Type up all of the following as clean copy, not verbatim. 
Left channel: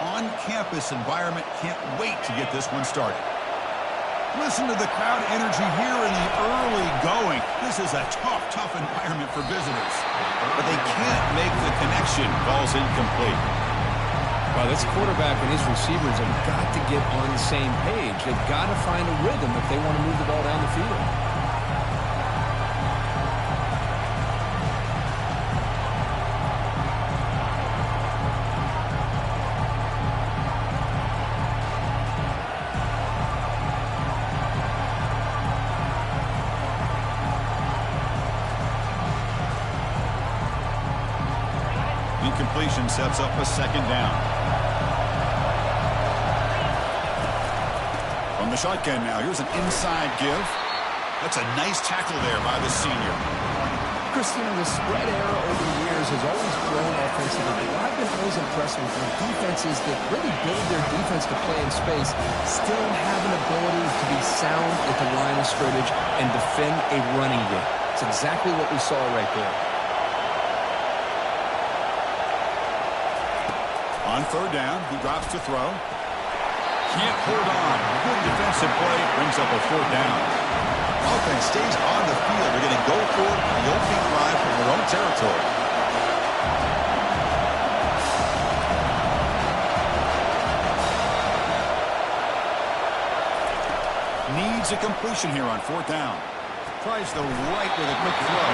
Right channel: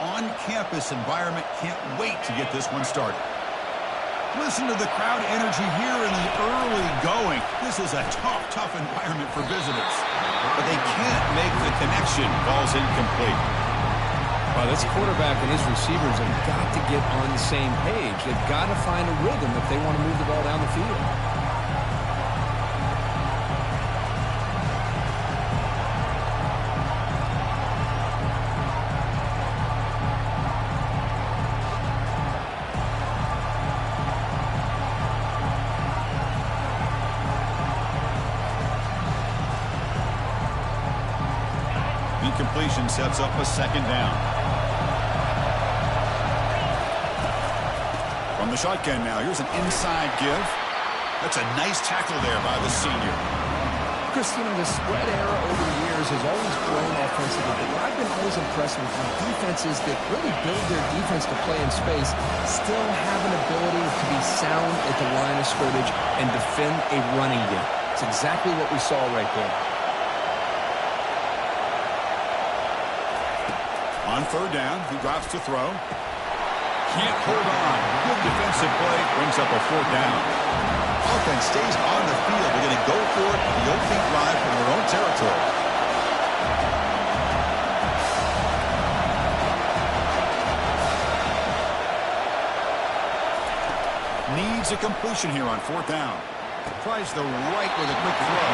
on-campus environment. Can't wait to get this one started. Listen to the crowd energy here in the early going. This is a tough environment for visitors. But they can't make the connection. Ball's incomplete. Well, this quarterback and his receivers have got to get on the same page. They've got to find a rhythm if they want to move the ball down the field. Incompletion sets up a second down. From the shotgun now, here's an inside give. That's a nice tackle there by the senior. Chris, you know, the spread era over the years has always grown offensively, but what I've been always impressed with defenses that really build their defense to play in space still have an ability to be sound at the line of scrimmage and defend a running game. It's exactly what we saw right there. On third down, he drops to throw. Can't hold on. Good defensive play. Brings up a fourth down. Offense stays on the field. They're going to go for it on the opening drive from their own territory. Needs a completion here on fourth down. Tries the right with a quick throw.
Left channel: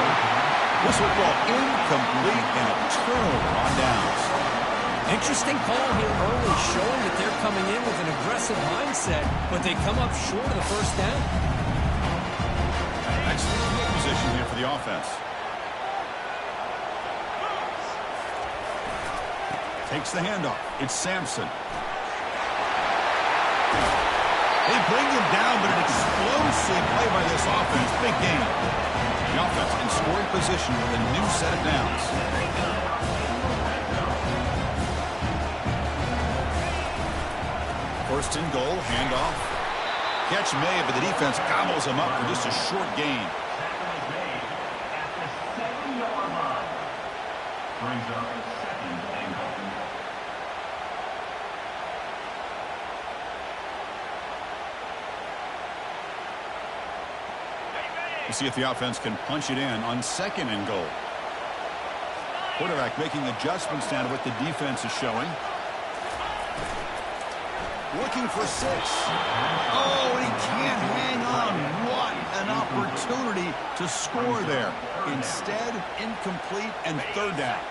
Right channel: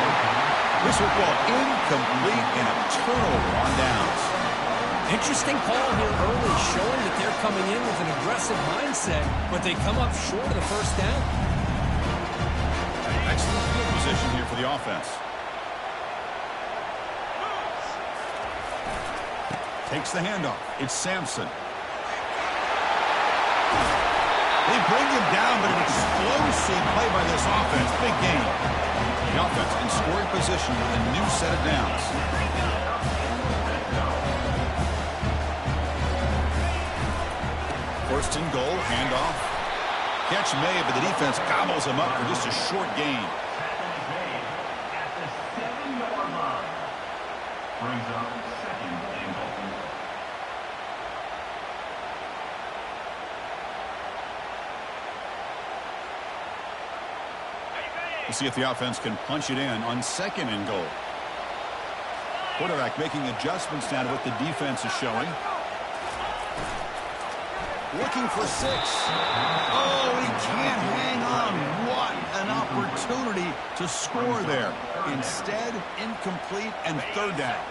This football incomplete and a turnover on downs. Interesting call here early, showing that they're coming in with an aggressive mindset, but they come up short of the first down. Excellent field position here for the offense. Takes the handoff. It's Sampson. They bring him down, but an explosive play by this offense. Big game. The offense in scoring position with a new set of downs. First and goal, handoff. Catch made, but the defense gobbles him up for just a short gain. Tackle is made at the 7-yard line. Brings up second and goal. We'll see if the offense can punch it in on second and goal. Quarterback making adjustments now to what the defense is showing. Looking for 6. Oh, he can't hang on. What an opportunity to score there. Instead, incomplete and third down.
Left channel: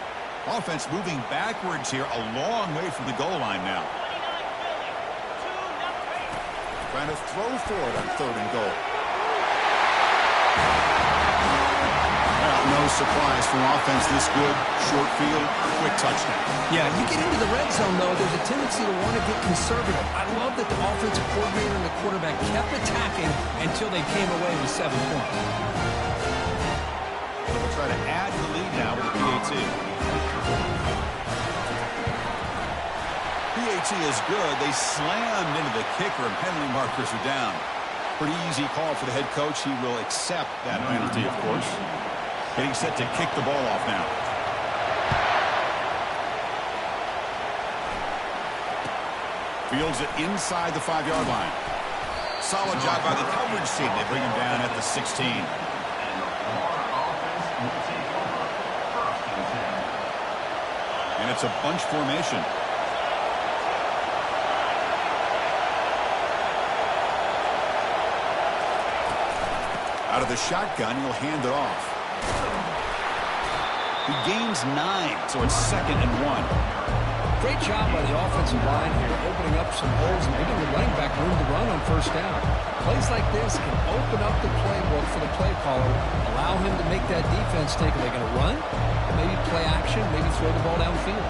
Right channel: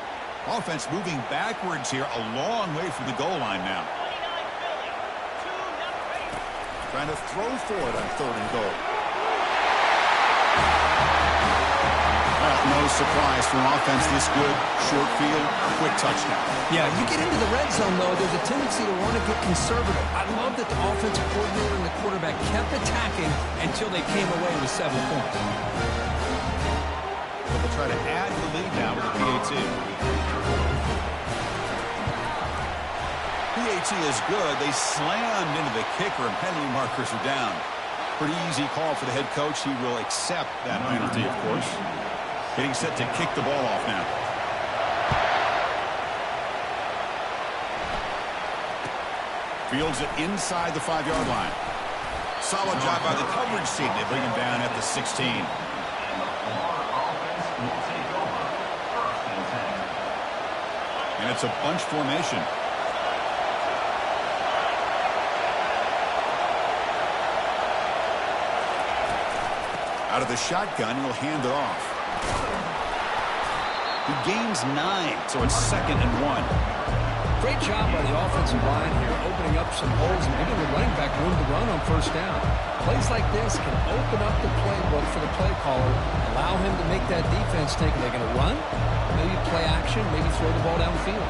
Offense moving backwards here, a long way from the goal line now. Trying to throw for it on third and goal. Well, no surprise from offense this good. Short field, quick touchdown. Yeah, you get into the red zone, though, there's a tendency to want to get conservative. I love that the offensive coordinator and the quarterback kept attacking until they came away with 7 points. But they'll try to add the lead now with the PAT. PAT is good. They slammed into the kicker, and penalty markers are down. Pretty easy call for the head coach. He will accept that penalty, of course. Getting set to kick the ball off now. Fields it inside the 5-yard line. Solid job by the coverage team. They bring him down at the 16. And the Florida offense will take over first and 10. And it's a bunch formation. Out of the shotgun, he'll hand it off. He gains 9, so it's second and 1. Great job by the offensive line here, opening up some holes and giving the running back room to run on first down. Plays like this can open up the playbook for the play caller, allow him to make that defense think, are they going to run? Maybe play action, maybe throw the ball downfield.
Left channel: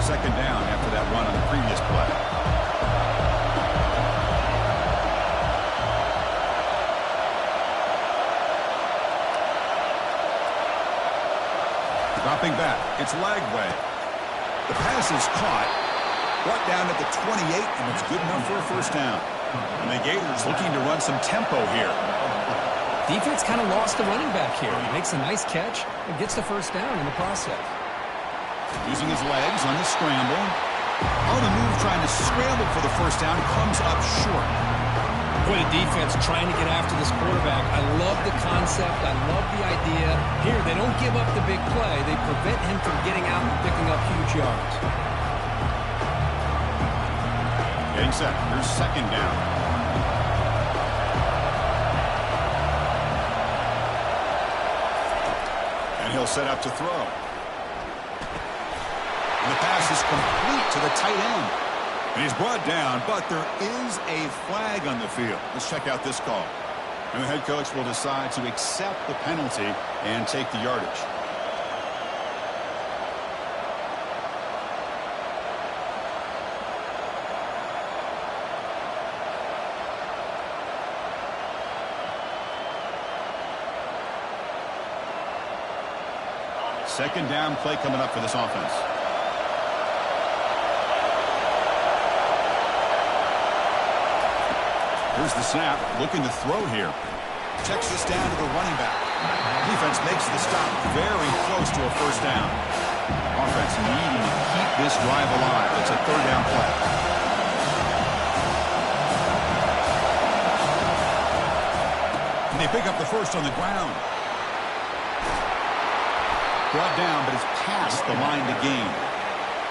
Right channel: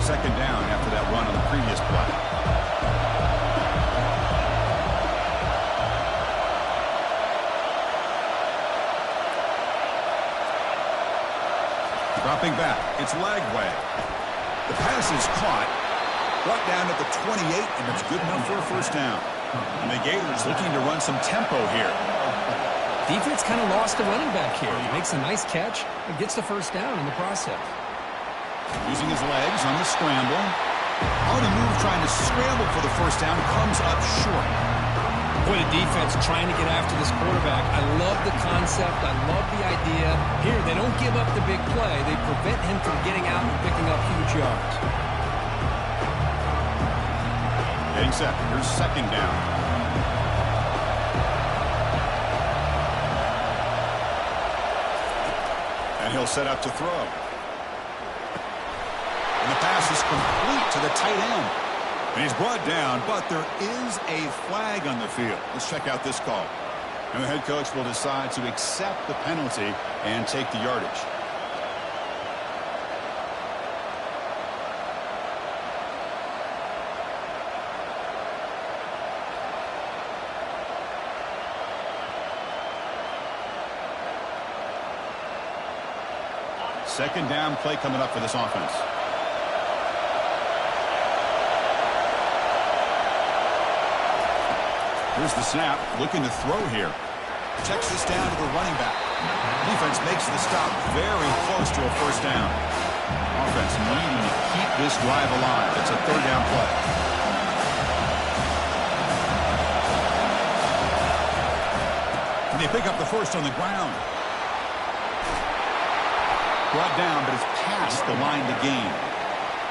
Second down after that run on the previous play. Dropping back, it's Lagway. The pass is caught, brought down at the 28, and it's good enough for a first down. And the Gators looking to run some tempo here. Defense kind of lost the running back here. He makes a nice catch and gets the first down in the process. Using his legs on the scramble. On the move, trying to scramble for the first down, comes up short. Boy, the defense trying to get after this quarterback. I love the concept. I love the idea. Here, they don't give up the big play. They prevent him from getting out and picking up huge yards. Getting set. Here's second down. And he'll set up to throw. And the pass is complete to the tight end. And he's brought down, but there is a flag on the field. Let's check out this call. And the head coach will decide to accept the penalty and take the yardage. Second down play coming up for this offense. Here's the snap, looking to throw here. Checks this down to the running back. Defense makes the stop very close to a first down. Offense needing to keep this drive alive. It's a third down play. And they pick up the first on the ground. Brought down, but it's past the line to gain.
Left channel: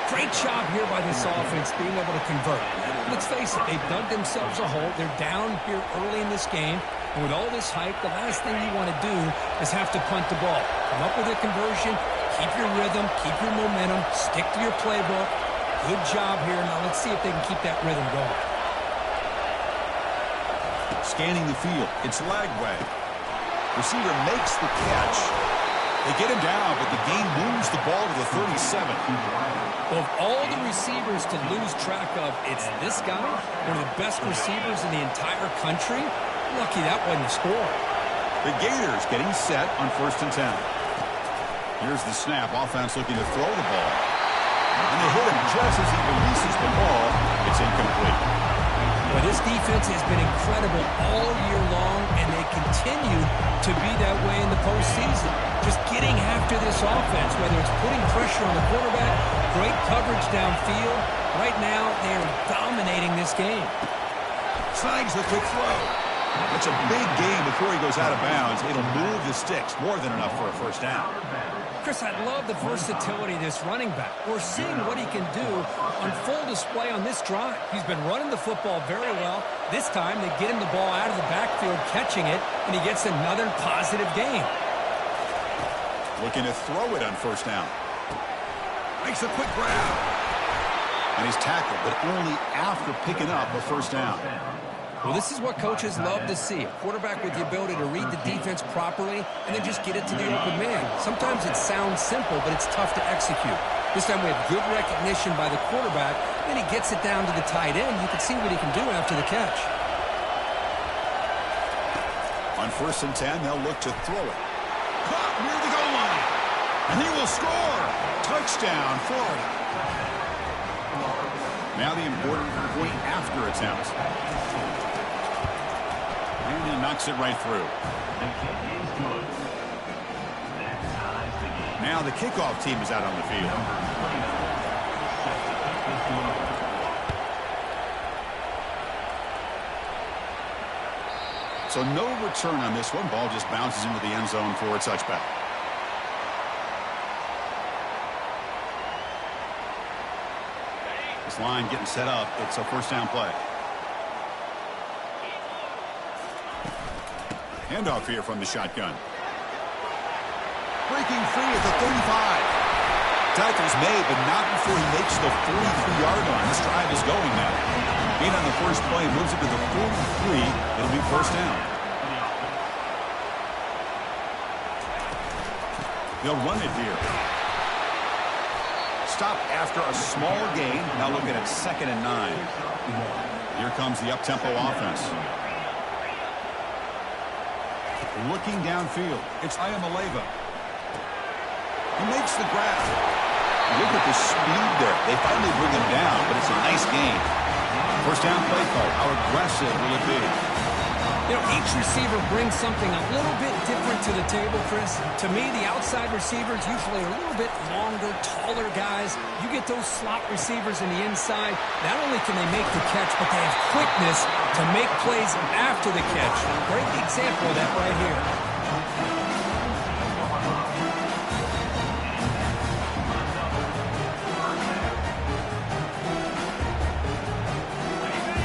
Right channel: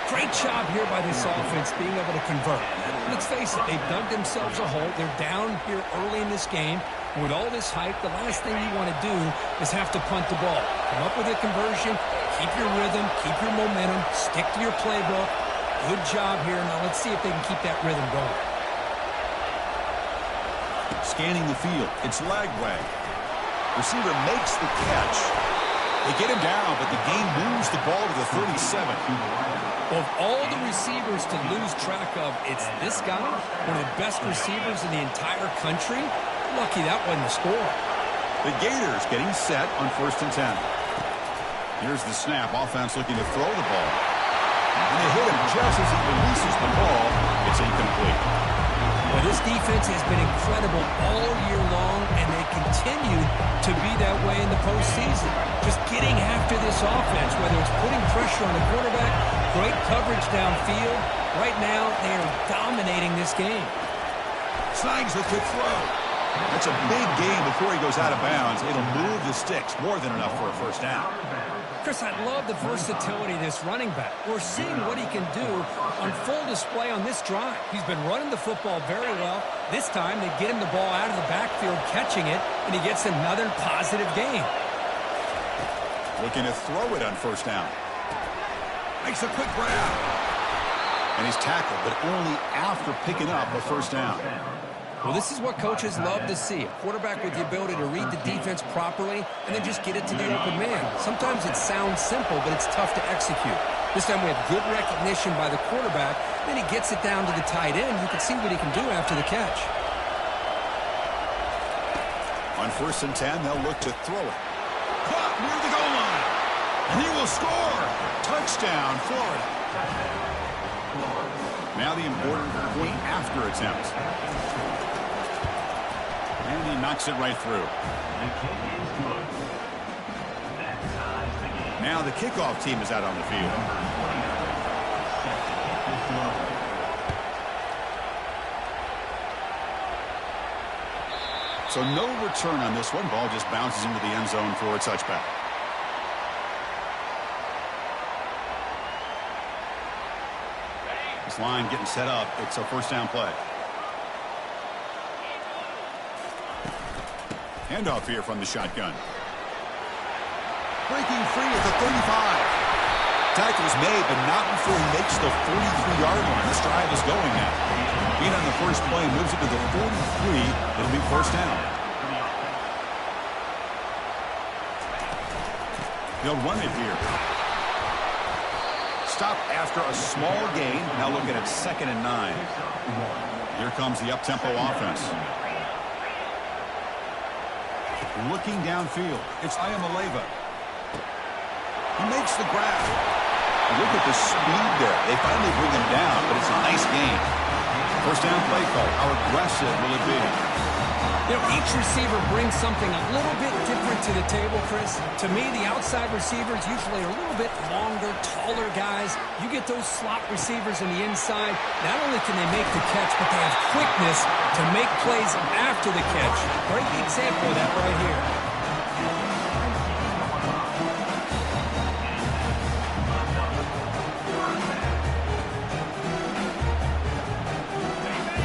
Great job here by this offense being able to convert. Let's face it, they've dug themselves a hole. They're down here early in this game. And with all this hype, the last thing you want to do is have to punt the ball. Come up with a conversion, keep your rhythm, keep your momentum, stick to your playbook. Good job here. Now let's see if they can keep that rhythm going. Scanning the field. It's Lagway. Receiver makes the catch. They get him down, but the game moves the ball to the 37. Well, of all the receivers to lose track of, it's this guy, one of the best receivers in the entire country. Lucky that wasn't a score. The Gators getting set on 1st and 10. Here's the snap. Offense looking to throw the ball. And they hit him just as he releases the ball. It's incomplete. Well, this defense has been incredible all year long, and they continue to be that way in the postseason. Just getting after this offense, whether it's putting pressure on the quarterback, great coverage downfield. Right now, they are dominating this game. Snags the quick throw. That's a big gain before he goes out of bounds. It'll move the sticks. More than enough for a first down. Chris, I love the versatility of this running back. We're seeing what he can do on full display on this drive. He's been running the football very well. This time, they get him the ball out of the backfield, catching it, and he gets another positive gain. Looking to throw it on first down. Makes a quick grab. And he's tackled, but only after picking up a first down. Well, this is what coaches love to see. A quarterback with the ability to read the defense properly and then just get it to the open man. Sometimes it sounds simple, but it's tough to execute. This time we have good recognition by the quarterback. Then he gets it down to the tight end. You can see what he can do after the catch. On 1st and 10, they'll look to throw it. Caught near the goal line. And he will score. Touchdown, Florida. Now the important point after attempt. And he knocks it right through. The kick is good. That ties the game. Now the kickoff team is out on the field. Number 29 set to kick this one away. So no return on this one. Ball just bounces into the end zone for a touchback. This line getting set up. It's a first down play. Handoff here from the shotgun. Breaking free at the 35. Tackle's made, but not before he makes the 43-yard line. This drive is going now. Being on the first play moves it to the 43. It'll be first down. They'll run it here. Stop after a small gain. Now looking at 2nd and 9. Here comes the up-tempo offense. Looking downfield. It's Ayamaleva. He makes the grab. Look at the speed there. They finally bring him down, but it's a nice gain. First down play call. How aggressive will it be? You know, each receiver brings something a little bit different to the table, Chris. To me, the outside receivers usually are a little bit longer, taller guys. You get those slot receivers in the inside, not only can they make the catch, but they have quickness to make plays after the catch. Great example of that right here.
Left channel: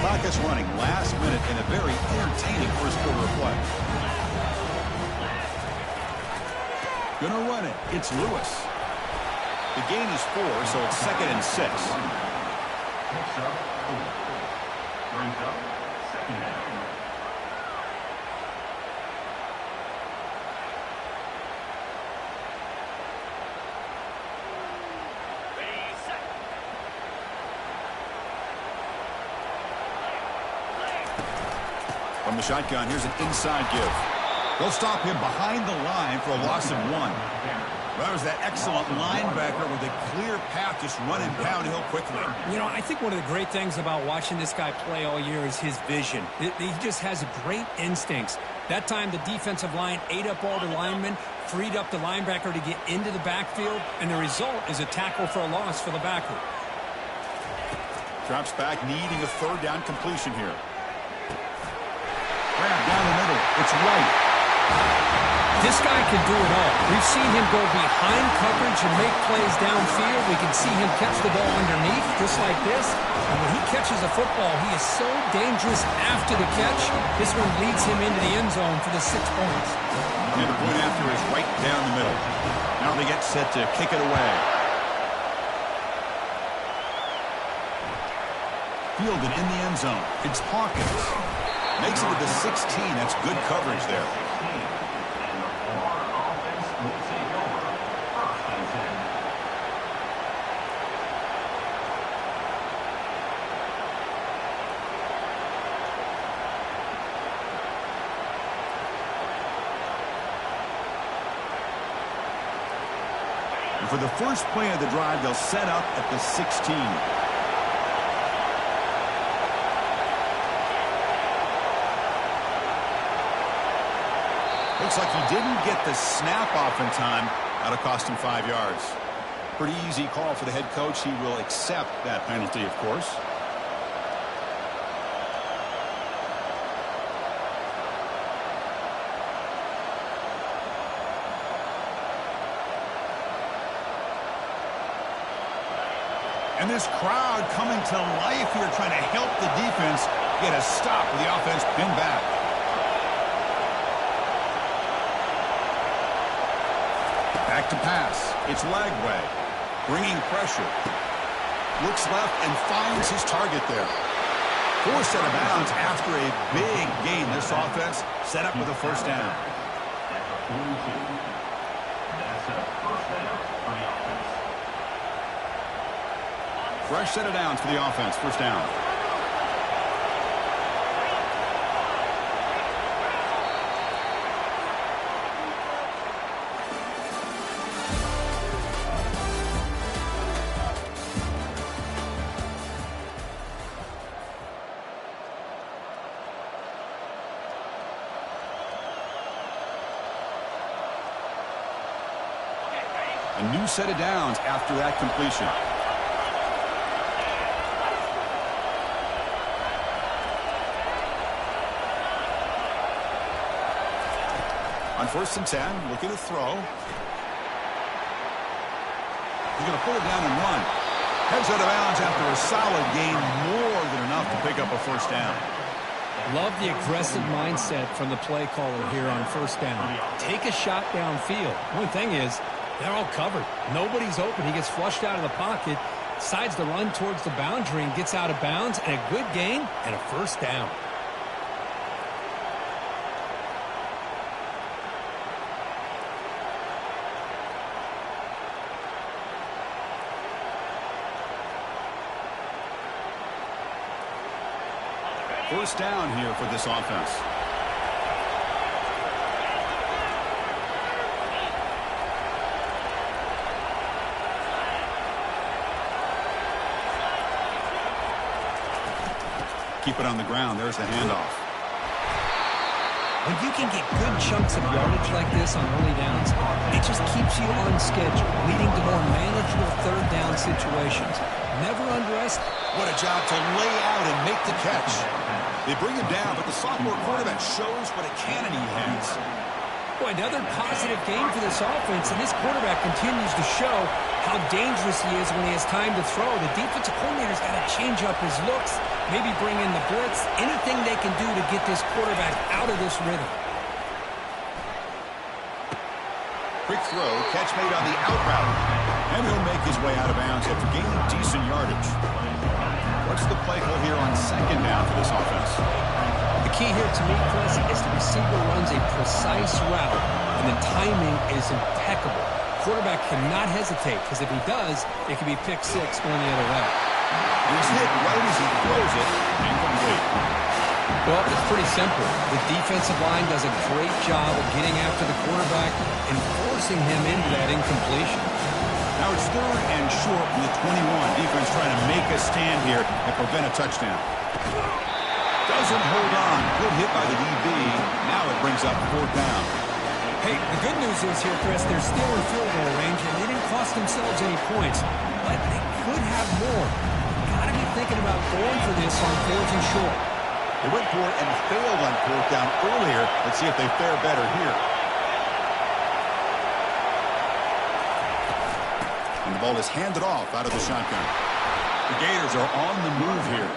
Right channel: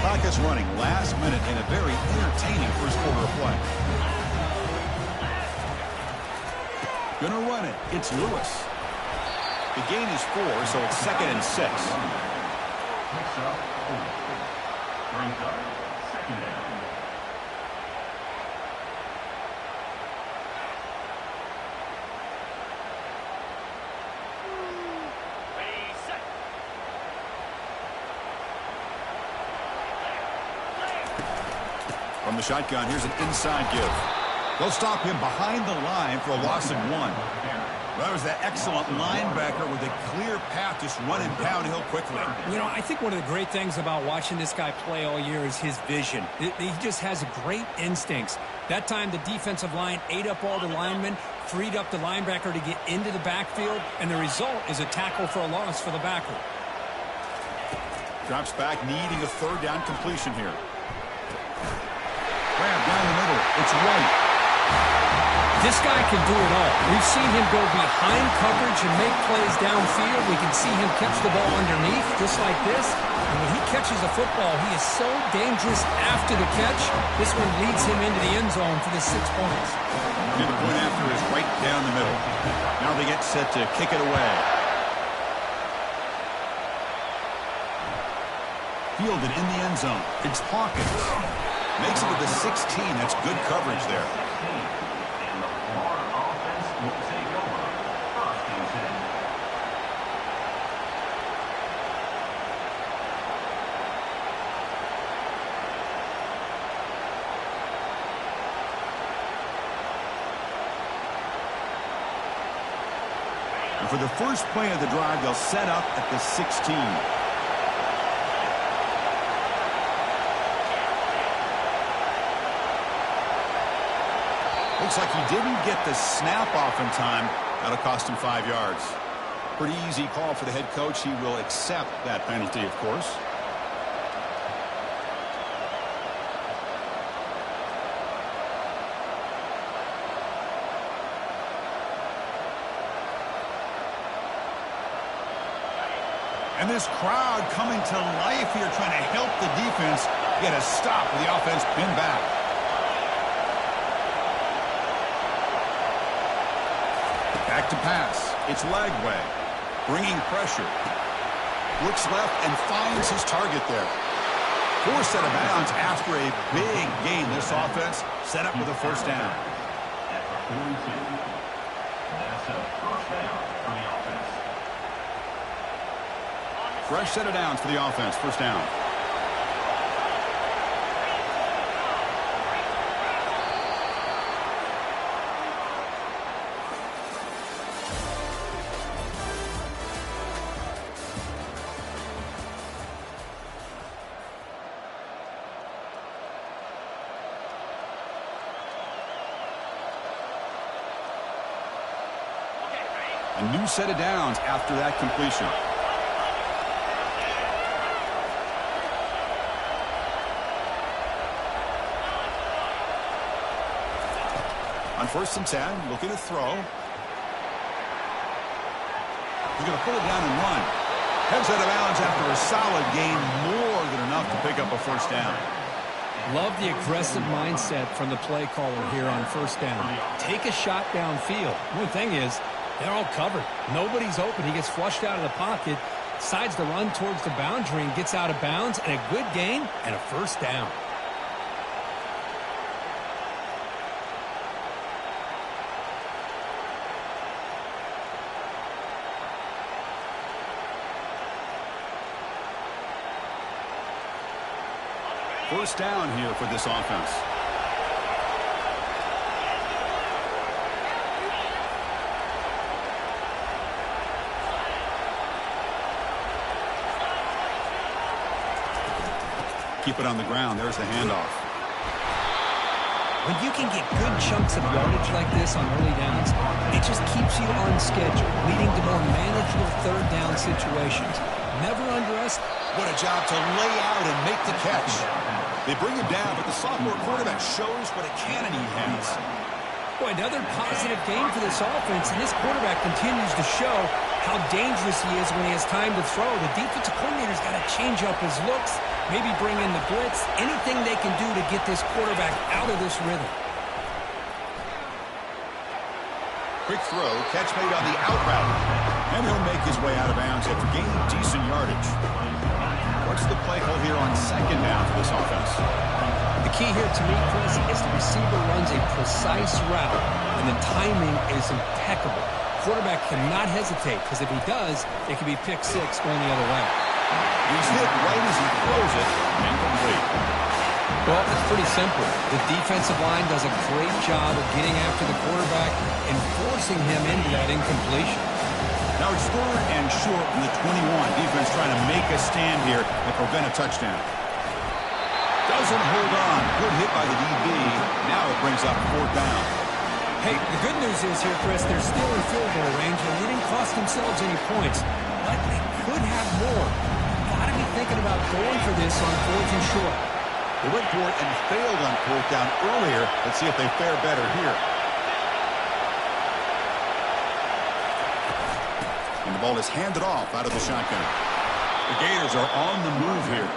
Clock is running last minute in a very entertaining first quarter of play. Gonna run it. It's Lewis. The gain is 4, so it's 2nd and 6. Picks up 4. Brings up 2nd down. From the shotgun, here's an inside give. They'll stop him behind the line for a loss of 1. Well, that was that excellent linebacker with a clear path just running downhill quickly. You know, I think one of the great things about watching this guy play all year is his vision. He just has great instincts. That time, the defensive line ate up all the linemen, freed up the linebacker to get into the backfield, and the result is a tackle for a loss for the backer. Drops back, needing a 3rd down completion here. Grab down the middle. It's White. This guy can do it all. We've seen him go behind coverage and make plays downfield. We can see him catch the ball underneath, just like this. And when he catches a football, he is so dangerous after the catch. This one leads him into the end zone for the 6 points. And the point after is right down the middle. Now they get set to kick it away. Fielded in the end zone. It's Hawkins. Makes it to the 16. That's good coverage there. And the Florida offense will take over. 1st and 10. And for the first play of the drive, they'll set up at the 16. Looks like he didn't get the snap off in time. That'll cost him 5 yards. Pretty easy call for the head coach. He will accept that penalty, of course. And this crowd coming to life here, trying to help the defense get a stop with the offense pinned back. Back to pass. It's Lagway. Bringing pressure. Looks left and finds his target there. Forced out of bounds after a big gain. This offense set up with a 1st down. At the 42. That's a 1st down for the offense. Fresh set of downs for the offense. 1st down. A new set of downs after that completion. On 1st and 10, looking to throw. He's going to pull it down and run. Heads out of bounds after a solid gain, more than enough to pick up a 1st down. Love the aggressive mindset from the play caller here on 1st down. Take a shot downfield. One thing is, they're all covered. Nobody's open. He gets flushed out of the pocket, decides to run towards the boundary and gets out of bounds, and a good gain and a 1st down. First down here for this offense. Keep it on the ground. There's the handoff. When you can get good chunks of yardage like this on early downs, it just keeps you on schedule, leading to more manageable third down situations. Never underestimate. What a job to lay out and make the catch. They bring him down, but the sophomore quarterback shows what a cannon he has. Boy, another positive game for this offense, and this quarterback continues to show how dangerous he is when he has time to throw. The defensive coordinator's got to change up his looks, maybe bring in the blitz, anything they can do to get this quarterback out of this rhythm. Quick throw, catch made on the out route. And he'll make his way out of bounds after gaining decent yardage. What's the play call here on second down for this offense? The key here to me, Chris, is the receiver runs a precise route, and the timing is impeccable. Quarterback cannot hesitate, because if he does, it could be pick six going the other way. He's hit right as he throws it, incomplete. Well, it's pretty simple. The defensive line does a great job of getting after the quarterback and forcing him into that incompletion. Now it's third and short from the 21. Defense trying to make a stand here and prevent a touchdown. Doesn't hold on. Good hit by the DB. Now it brings up fourth down. Hey, the good news is here, Chris, they're still in field goal range, and they didn't cost themselves any points. But they could have more. Got to be thinking about going for this on fourth and short. They went for it and failed on fourth down earlier. Let's see if they fare better here. And the ball is handed off out of the shotgun. The Gators are on the move here.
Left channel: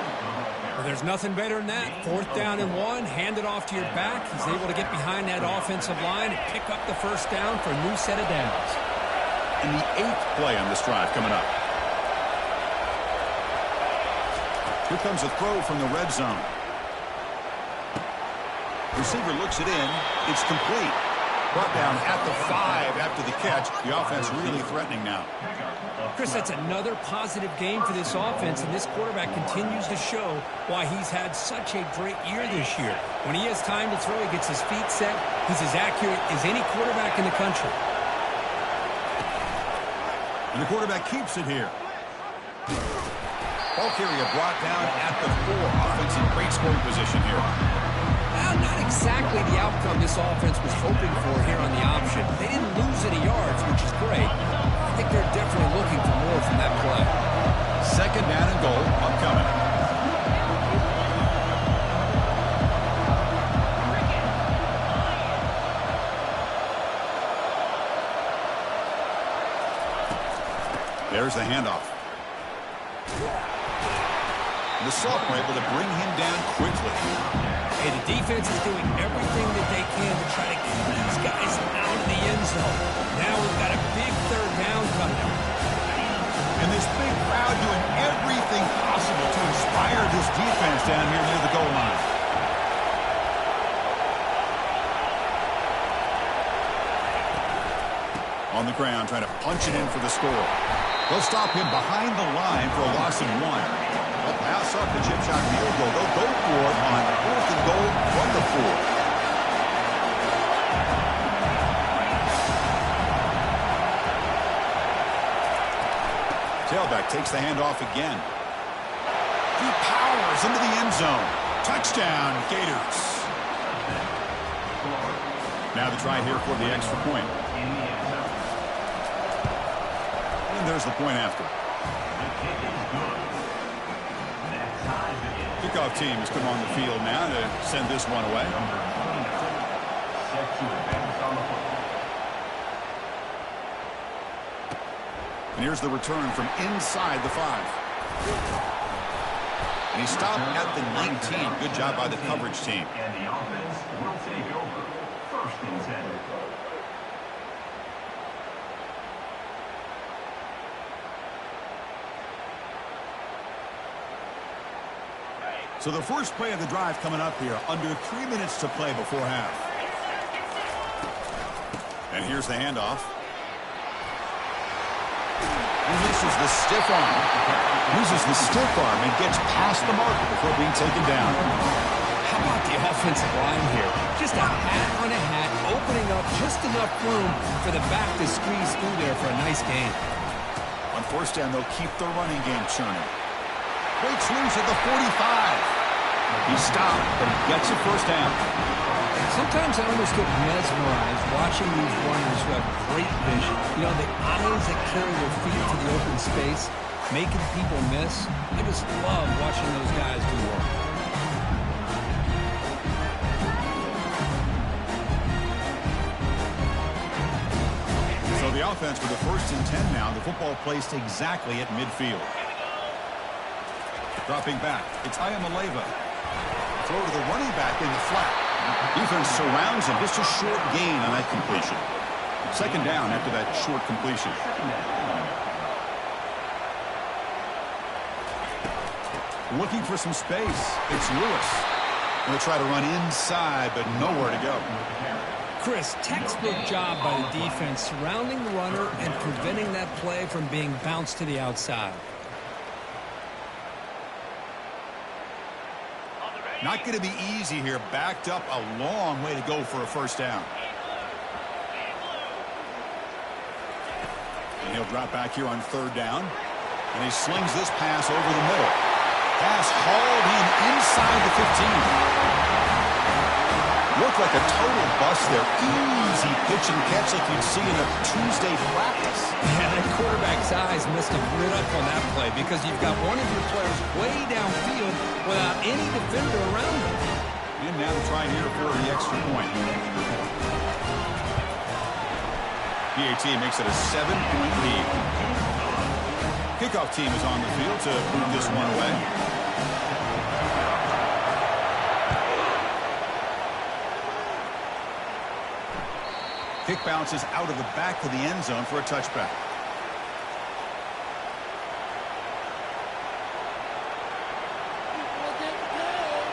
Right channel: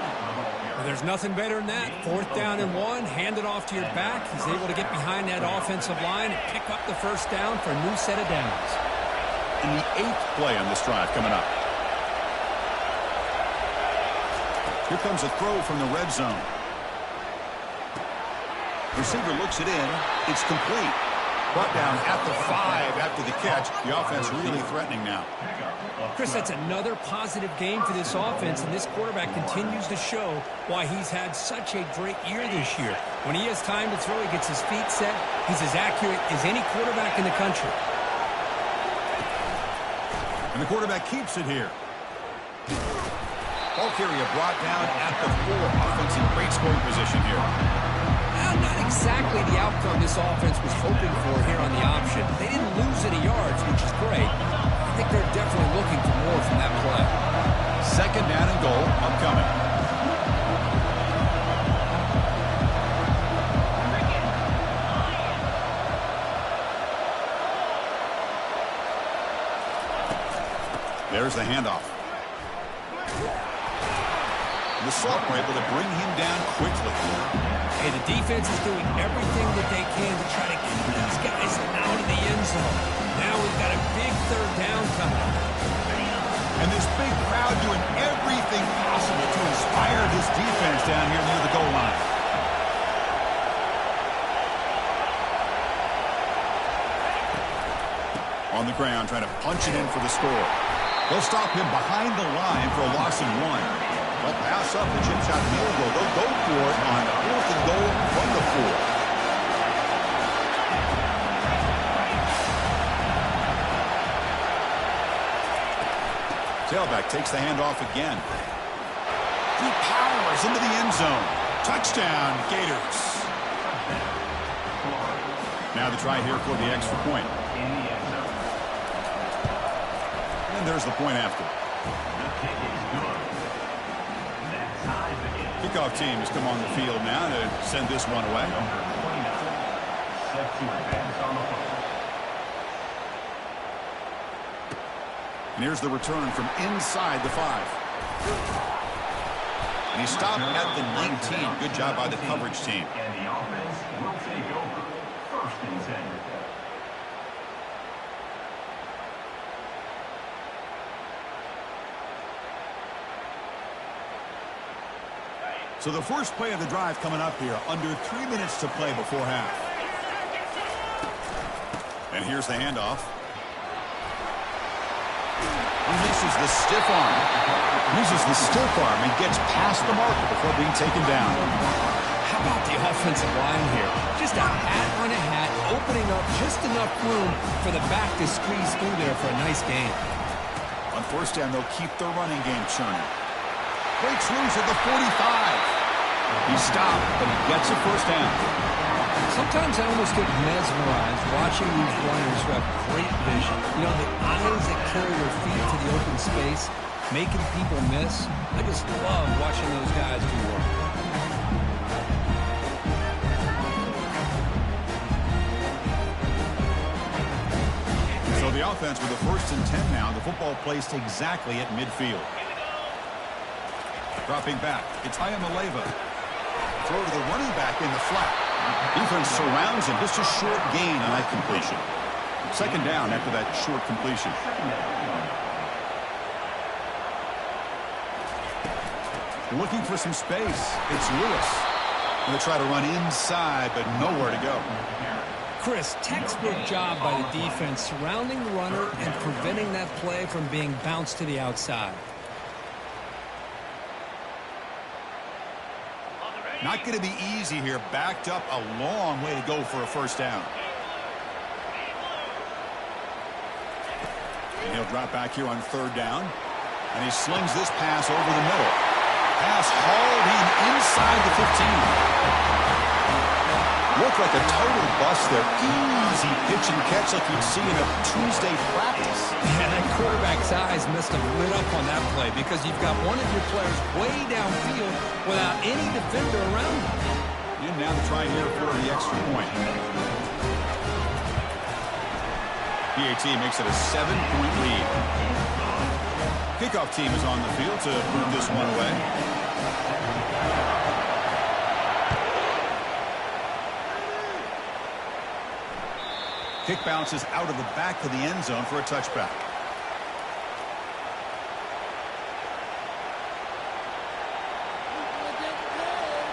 Well, there's nothing better than that. Fourth down and one, hand it off to your back. He's able to get behind that offensive line and pick up the first down for a new set of downs. And the 8th play on this drive coming up. Here comes a throw from the red zone. Receiver looks it in. It's complete. Brought down at the 5 after the catch. The offense really threatening now. Chris, that's another positive game for this offense, and this quarterback continues to show why he's had such a great year this year. When he has time to throw, he gets his feet set. He's as accurate as any quarterback in the country. And the quarterback keeps it here. Ball carrier brought down at the 4. Offense in great scoring position here. Well, not exactly the outcome this offense was hoping for here on the option. They didn't lose any yards, which is great. I think they're definitely looking for more from that play. Second down and goal upcoming. There's the handoff. The sophomore able to bring him down quickly. Hey, the defense is doing everything that they can to try to keep these guys out of the end zone. Now we've got a big third down coming up. And this big crowd doing everything possible to inspire this defense down here near the goal line. On the ground, trying to punch it in for the score. They'll stop him behind the line for a loss of 1. They'll pass up the chip shot field goal. They'll go for it on 4th and goal from the 4. Tailback takes the handoff again. He powers into the end zone. Touchdown, Gators. Now the try here for the extra point. And there's the point after. The kick is good. That ties the game. Kickoff team has come on the field now to send this one away. Number 29, set to advance on the football. And here's the return from inside the 5. And he stopped at the 19. Good job by the coverage team. And the offense will take over. First and 10. So the first play of the drive coming up here, under 3 minutes to play before half. And here's the handoff. Releases the stiff arm. Uses the stiff arm and gets past the marker before being taken down. How about the offensive line here? Just a hat on a hat, opening up just enough room for the back to squeeze through there for a nice gain. On first down, they'll keep the running game churning. Breaks loose at the 45. He stopped, but he gets a first down. Sometimes I almost get mesmerized watching these runners who have great vision. You know, the eyes that carry their feet to the open space, making people miss. I just love watching those guys do work. So the offense with the 1st and 10 now. The football placed exactly at midfield. Dropping back, it's Ayamaleva. Throw to the running back in the flat. Defense surrounds him. Just a short gain on that completion. 2nd down after that short completion. Looking for some space. It's Lewis. Going to try to run inside, but nowhere to go. Chris, textbook job by the defense surrounding the runner and preventing that play from being bounced to the outside. Not going to be easy here. Backed up a long way to go for a 1st down. And he'll drop back here on 3rd down. And he slings this pass over the middle. Pass hauled in inside the 15. Looked like a total bust there. Easy pitch and catch like you'd see in a Tuesday practice. Yeah, that quarterback's eyes must have lit up on that play because you've got one of your players way downfield without any defender around him. And now to try here for the extra point. PAT makes it a 7-point lead. Kickoff team is on the field to move this one away. Kick bounces out of the back of the end zone for a touchback. People are getting paid.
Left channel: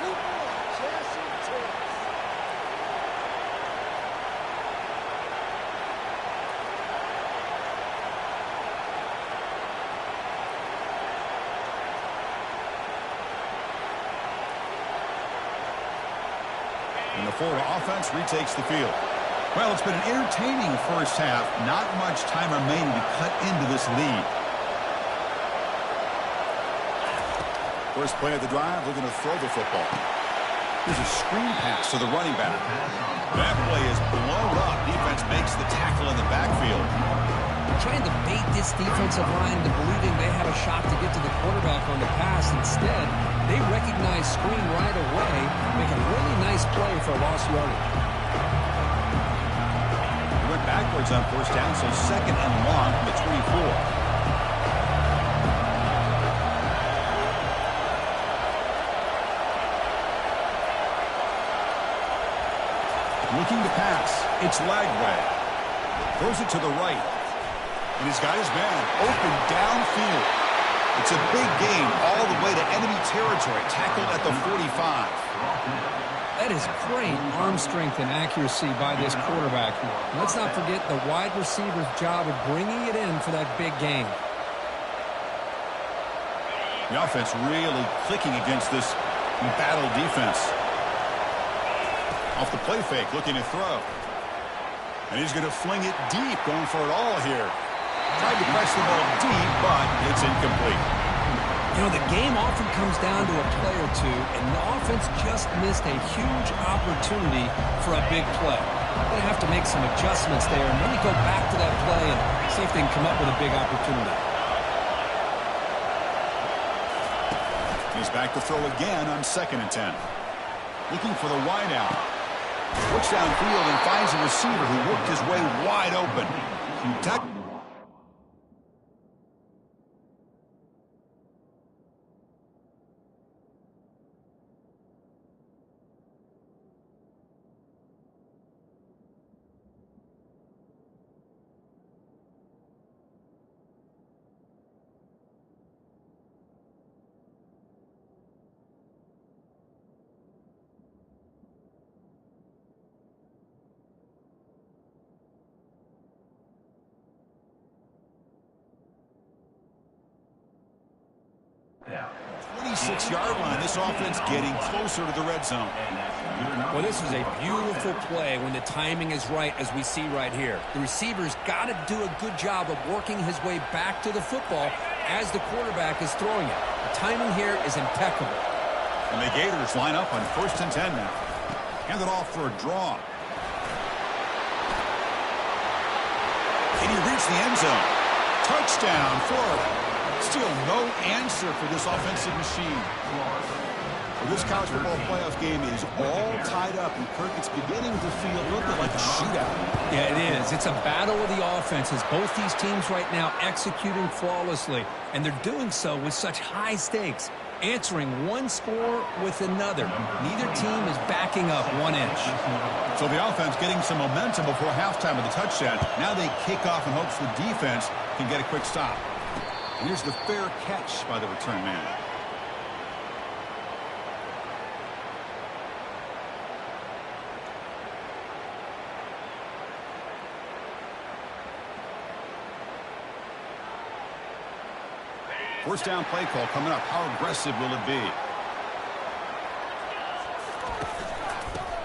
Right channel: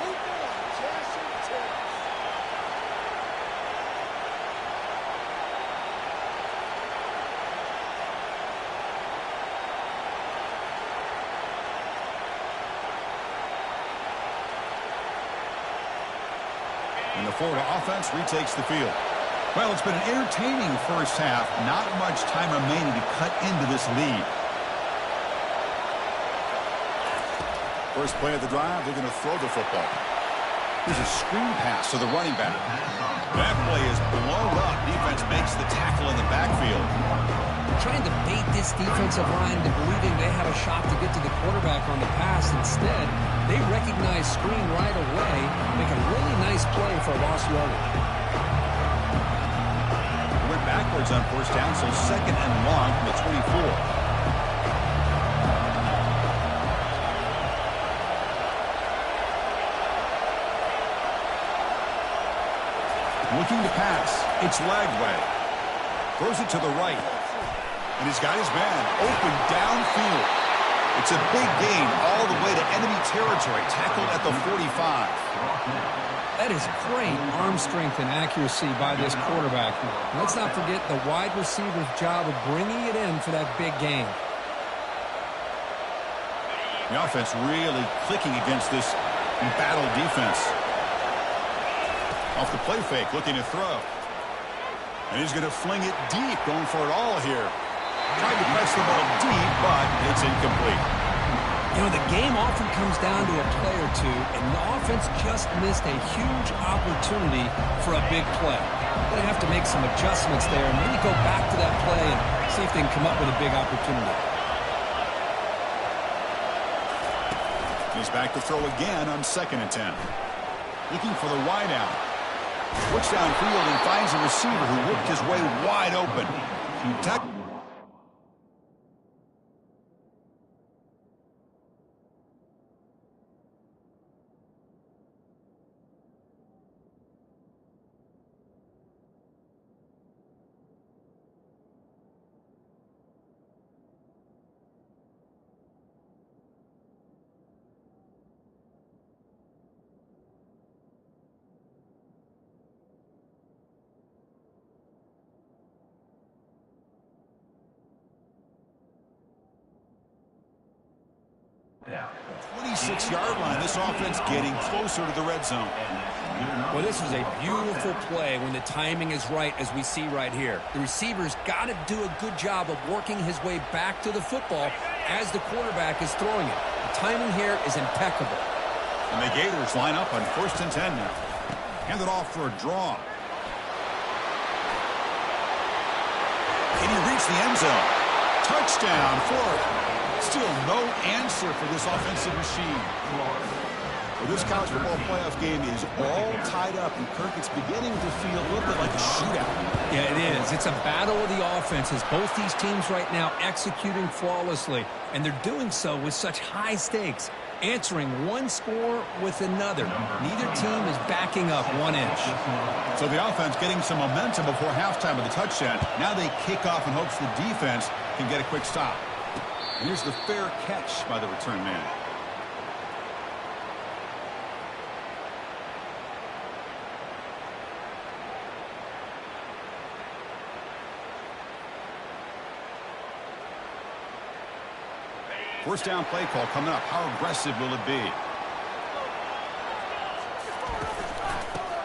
People are cashing checks. And the Florida offense retakes the field. Well, it's been an entertaining 1st half. Not much time remaining to cut into this lead. First play of the drive, looking to throw the football. Here's a screen pass to the running back. That play is blown up. Defense makes the tackle in the backfield. Trying to bait this defensive line into believing they had a shot to get to the quarterback on the pass. Instead, they recognize screen right away, make a really nice play for lost yardage. Went backwards on 1st down, so 2nd and long from the 24. Looking to pass. It's Lagway. Throws it to the right. And he's got his man open downfield. It's a big gain all the way to enemy territory. Tackled at the 45. That is great arm strength and accuracy by this quarterback. And let's not forget the wide receiver's job of bringing it in for that big gain. The offense really clicking against this battle defense. Off the play fake, looking to throw. And he's going to fling it deep, going for it all here. Tried to press the ball deep, but it's incomplete. You know, the game often comes down to a play or two, and the offense just missed a huge opportunity for a big play. They're going to have to make some adjustments there and maybe go back to that play and see if they can come up with a big opportunity. He's back to throw again on 2nd and 10. Looking for the wide out. Looks downfield and finds a receiver who worked his way wide open. Yeah. 26-yard line. This offense getting closer to the red zone. Well, this was a beautiful play when the timing is right, as we see right here. The receiver's got to do a good job of working his way back to the football as the quarterback is throwing it. The timing here is impeccable. And the Gators line up on 1st and 10 now. Handed off for a draw. Can he reach the end zone? Touchdown, Florida. Still no answer for this offensive machine. Well, this college football playoff game is all tied up, and Kirk, it's beginning to feel a little bit like a shootout. Yeah, it is. It's a battle of the offenses. Both these teams right now executing flawlessly, and they're doing so with such high stakes, answering one score with another. Neither team is backing up 1 inch. So the offense getting some momentum before halftime with the touchdown. Now they kick off in hopes the defense can get a quick stop. And here's the fair catch by the return man. First down play call coming up. How aggressive will it be?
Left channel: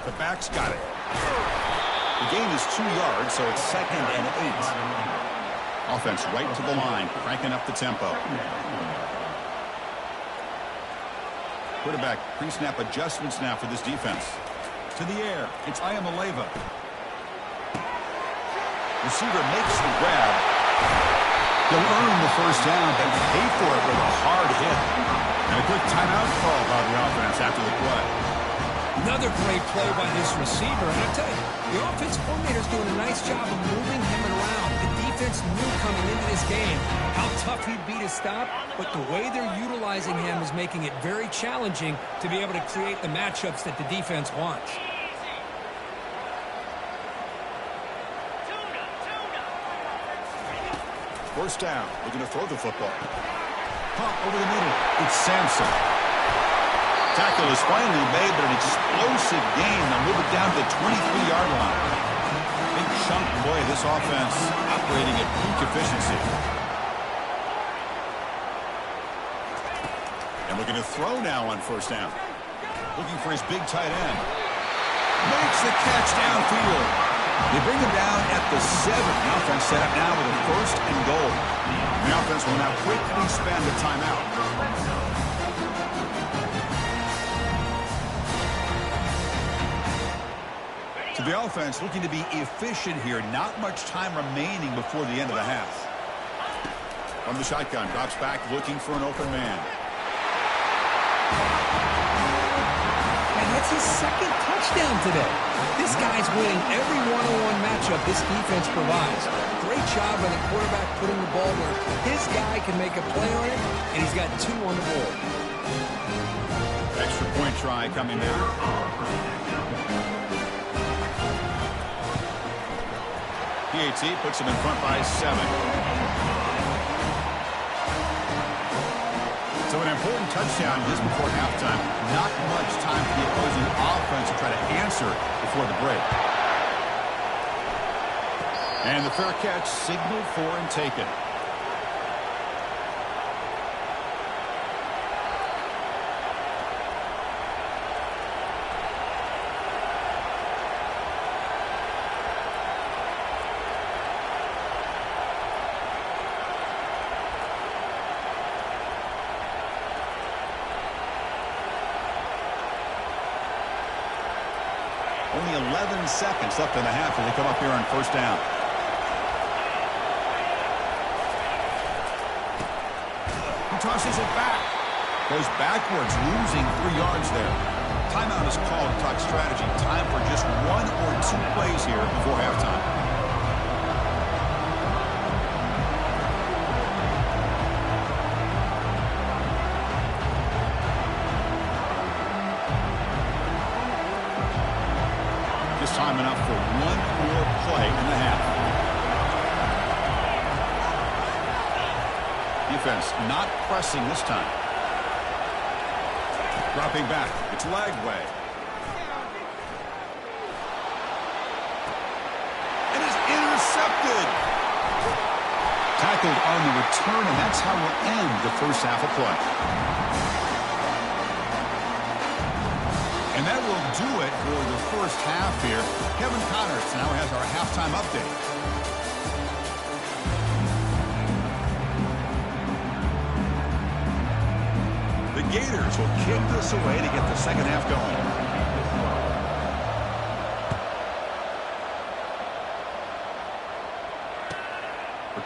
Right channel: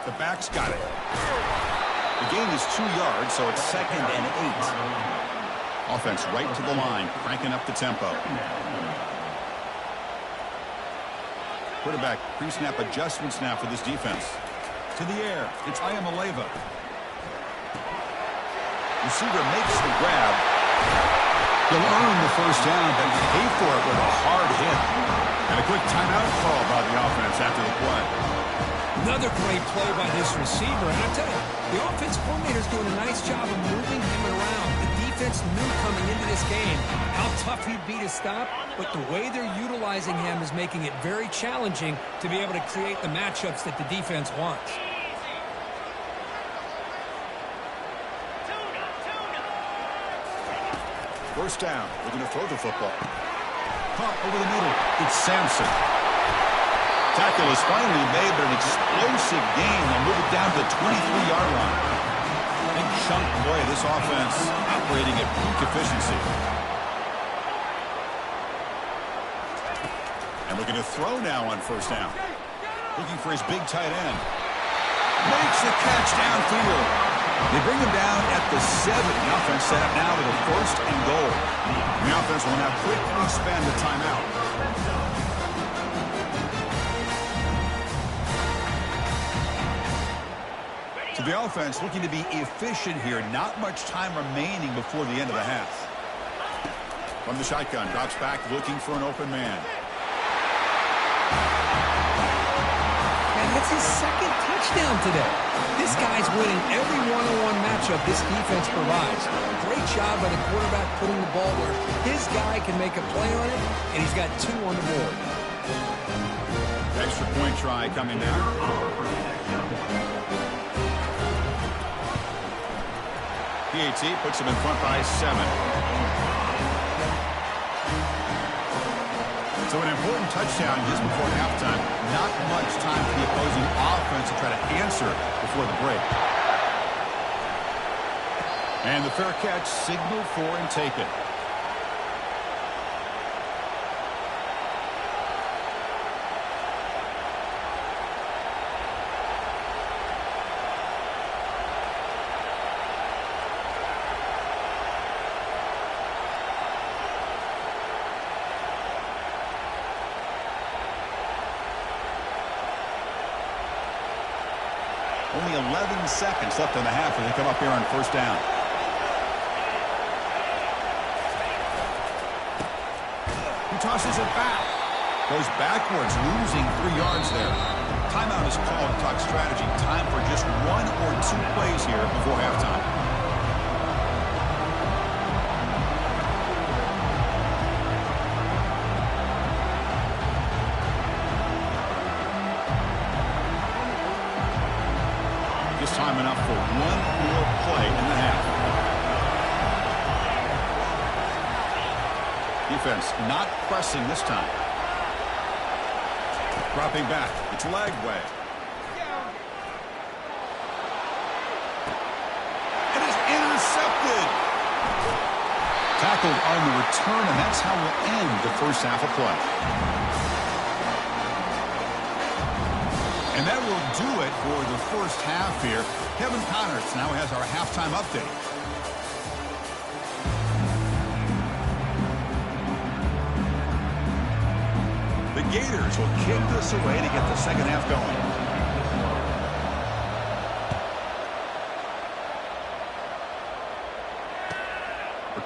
The back's got it. The gain is 2 yards, so it's 2nd and 8. Offense right to the line, cranking up the tempo. Quarterback pre-snap adjustments now for this defense. To the air, it's Ayamaleva. Receiver makes the grab. He'll earn the first down, then pay for it with a hard hit. And a quick timeout call by the offense after the play. Another great play by this receiver. And I tell you, the offense coordinator's doing a nice job of moving him around. The defense knew coming into this game how tough he'd be to stop, but the way they're utilizing him is making it very challenging to be able to create the matchups that the defense wants. First down, looking to throw the football. Pump over the middle. It's Sampson. Tackle is finally made, but an explosive gain. They'll move it down to the 23-yard line. Big chunk play. This offense operating at peak efficiency. And looking to throw now on first down. Looking for his big tight end. Makes the catch downfield. They bring him down at the 7. The offense set up now with a 1st and goal. The offense will now quickly spend a timeout. So the offense looking to be efficient here. Not much time remaining before the end of the half. From the shotgun, drops back looking for an open man. And that's his 2nd touchdown today. This guy's winning every one-on-one matchup this defense provides. Great job by the quarterback putting the ball where his guy can make a play on it, and he's got 2 on the board. Extra point try coming now. PAT puts him in front by 7. So an important touchdown just before halftime. Not much time for the opposing offense to try to answer before the break. And the fair catch signaled for and taken. Only 11 seconds left in the half as they come up here on first down. He tosses it back. Goes backwards, losing 3 yards there. Timeout is called to talk strategy. Time for just 1 or 2 plays here before halftime. Time enough for 1 more play in the half. Defense not pressing this time. Dropping back. It's Lagway. And it's intercepted. Tackled on the return, and that's how we'll end the first half of play. And that will do it for the first half here. Kevin Connors now has our halftime update. The Gators will kick this away to get the second half going.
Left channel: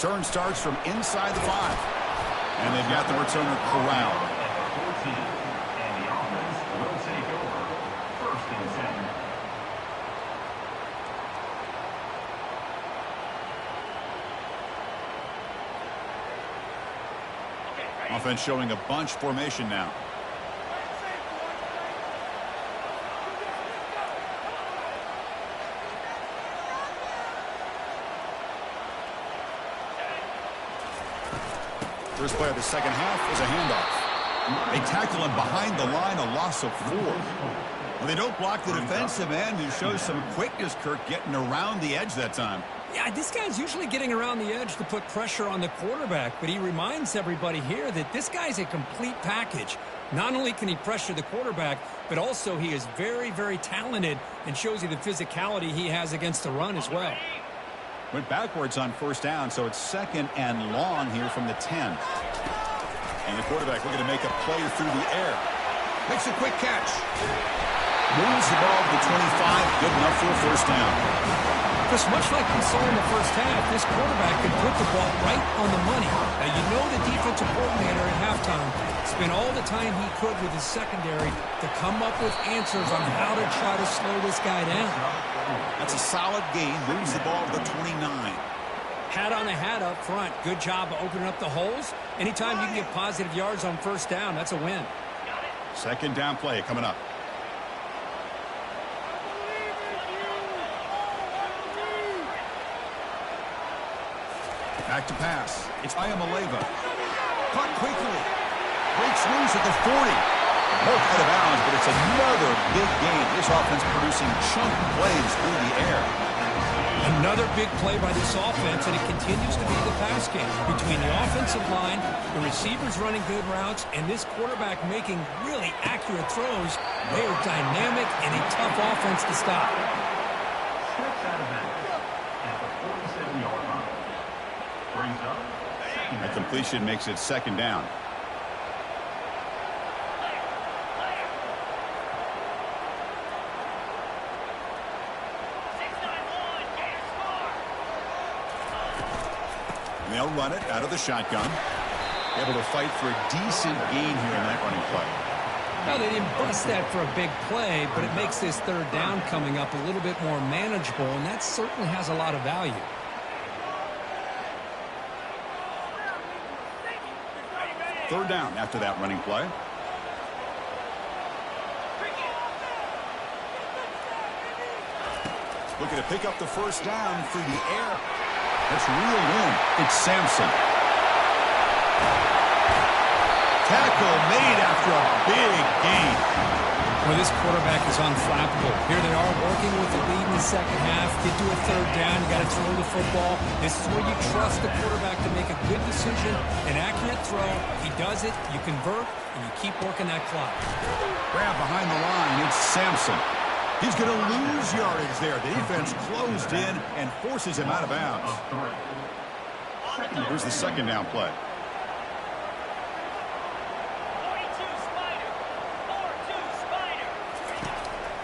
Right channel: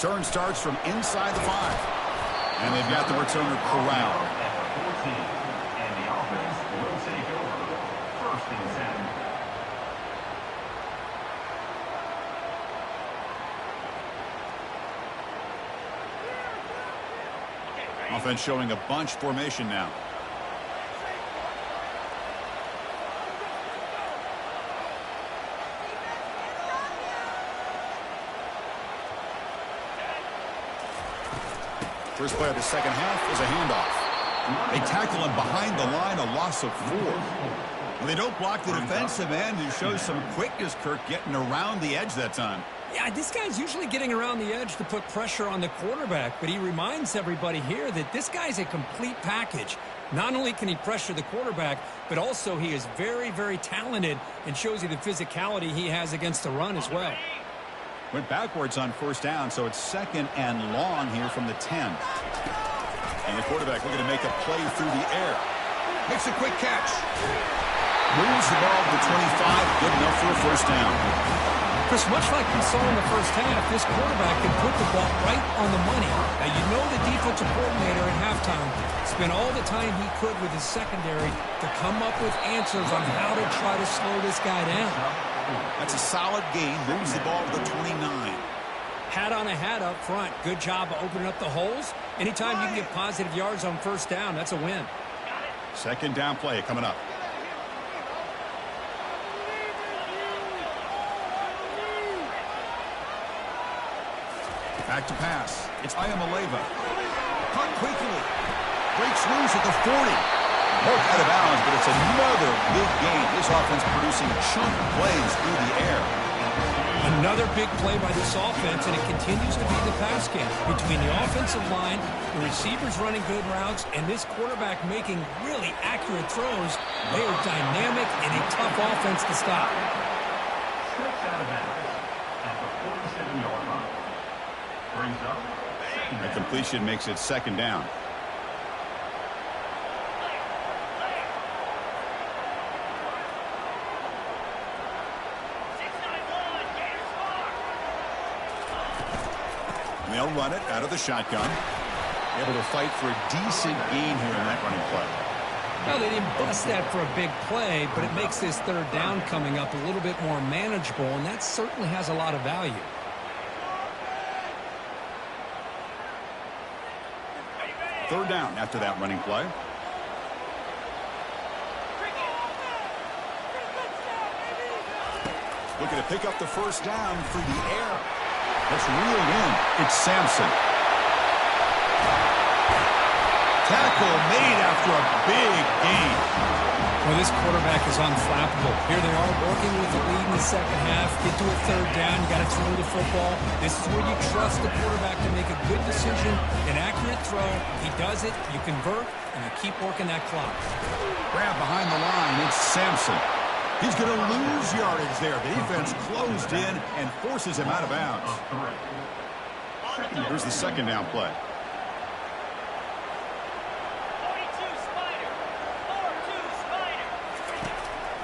Return starts from inside the 5. And they've got the returner corralled. At the 14. And the offense will take over. First and 10. Offense showing a bunch formation now. First play of the second half is a handoff. They tackle him behind the line, a loss of 4. Well, they don't block the defensive end, who shows some quickness, Kirk, getting around the edge that time. Yeah, this guy's usually getting around the edge to put pressure on the quarterback, but he reminds everybody here that this guy's a complete package. Not only can he pressure the quarterback, but also he is very, very talented and shows you the physicality he has against the run as well. Went backwards on first down, so it's second and long here from the 10. And the quarterback looking to make a play through the air. Makes a quick catch. Moves the ball to the 25, good enough for a first down. Chris, much like we saw in the first half, this quarterback can put the ball right on the money. Now, you know the defensive coordinator at halftime spent all the time he could with his secondary to come up with answers on how to try to slow this guy down. That's a solid gain. Moves the ball to the 29. Hat on a hat up front. Good job of opening up the holes. Anytime you can get positive yards on first down, that's a win. Second down play coming up. Back to pass. It's Ayamaleva. Caught quickly. Breaks loose at the 40. Marked out of bounds, but it's another big game. This offense producing chunk plays through the air. Another big play by this offense, and it continues to be the pass game. Between the offensive line, the receivers running good routes, and this quarterback making really accurate throws, they are dynamic and a tough offense to stop. Steps out of bounds at the 47-yard line. Brings up second down. A completion makes it second down. They'll run it out of the shotgun. Able to fight for a decent gain here in that running play. Now, they didn't bust that for a big play, but it makes this third down coming up a little bit more manageable, and that certainly has a lot of value. Third down after that running play. Looking to pick up the first down through the air. That's reeled in. It's Sampson. Tackle made after a big gain. Well, this quarterback is unflappable. Here they are working with the lead in the second half. Get to a third down. You got to throw the football. This is where you trust the quarterback to make a good decision, an accurate throw. He does it, you convert, and you keep working that clock. Grab behind the line. It's Sampson. He's going to lose yardage there. The defense closed in and forces him out of bounds. Here's the second down play.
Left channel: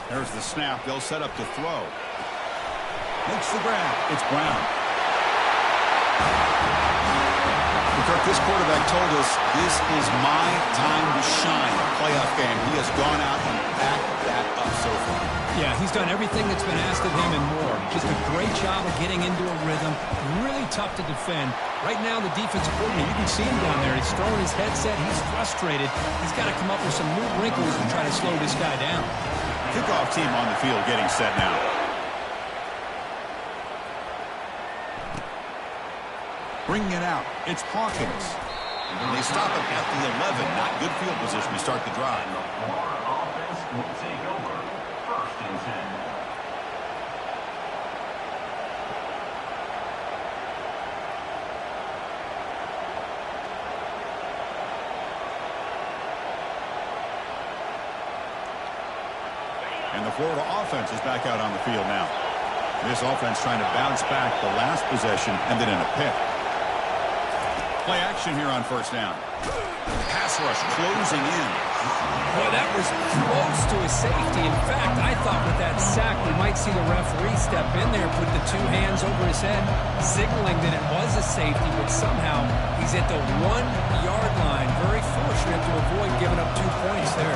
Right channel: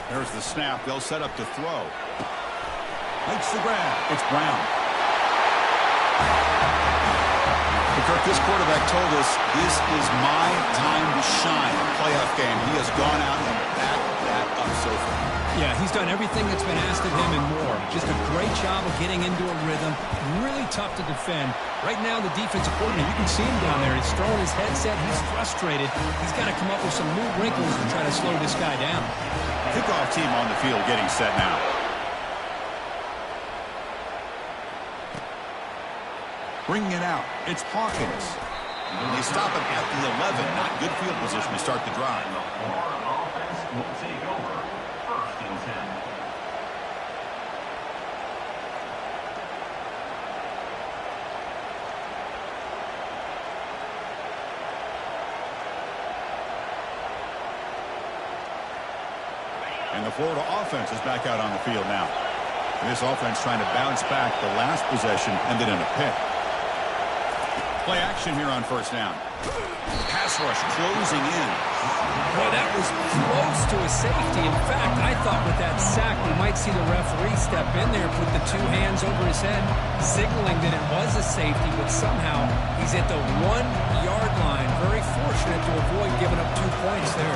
There's the snap. They'll set up to throw. Makes the grab. It's Brown. Kirk, this quarterback told us this is my time to shine. A playoff game. He has gone out and backed that up so far. Yeah, he's done everything that's been asked of him and more. Just a great job of getting into a rhythm. Really tough to defend. Right now, the defensive coordinator, you can see him down there. He's throwing his headset. He's frustrated. He's got to come up with some new wrinkles to try to slow this guy down. Kickoff team on the field getting set now. Bringing it out. It's Hawkins. And they stop him at the 11. Not good field position to start the drive. And the Florida offense will take over. First and 10. And the Florida offense is back out on the field now. This offense trying to bounce back. The last possession ended in a pick. Play action here on first down. Pass rush closing in. Boy, that was close to a safety. In fact, I thought with that sack we might see the referee step in there, put the 2 hands over his head, signaling that it was a safety, but somehow he's at the 1-yard line. Very fortunate to avoid giving up 2 points there.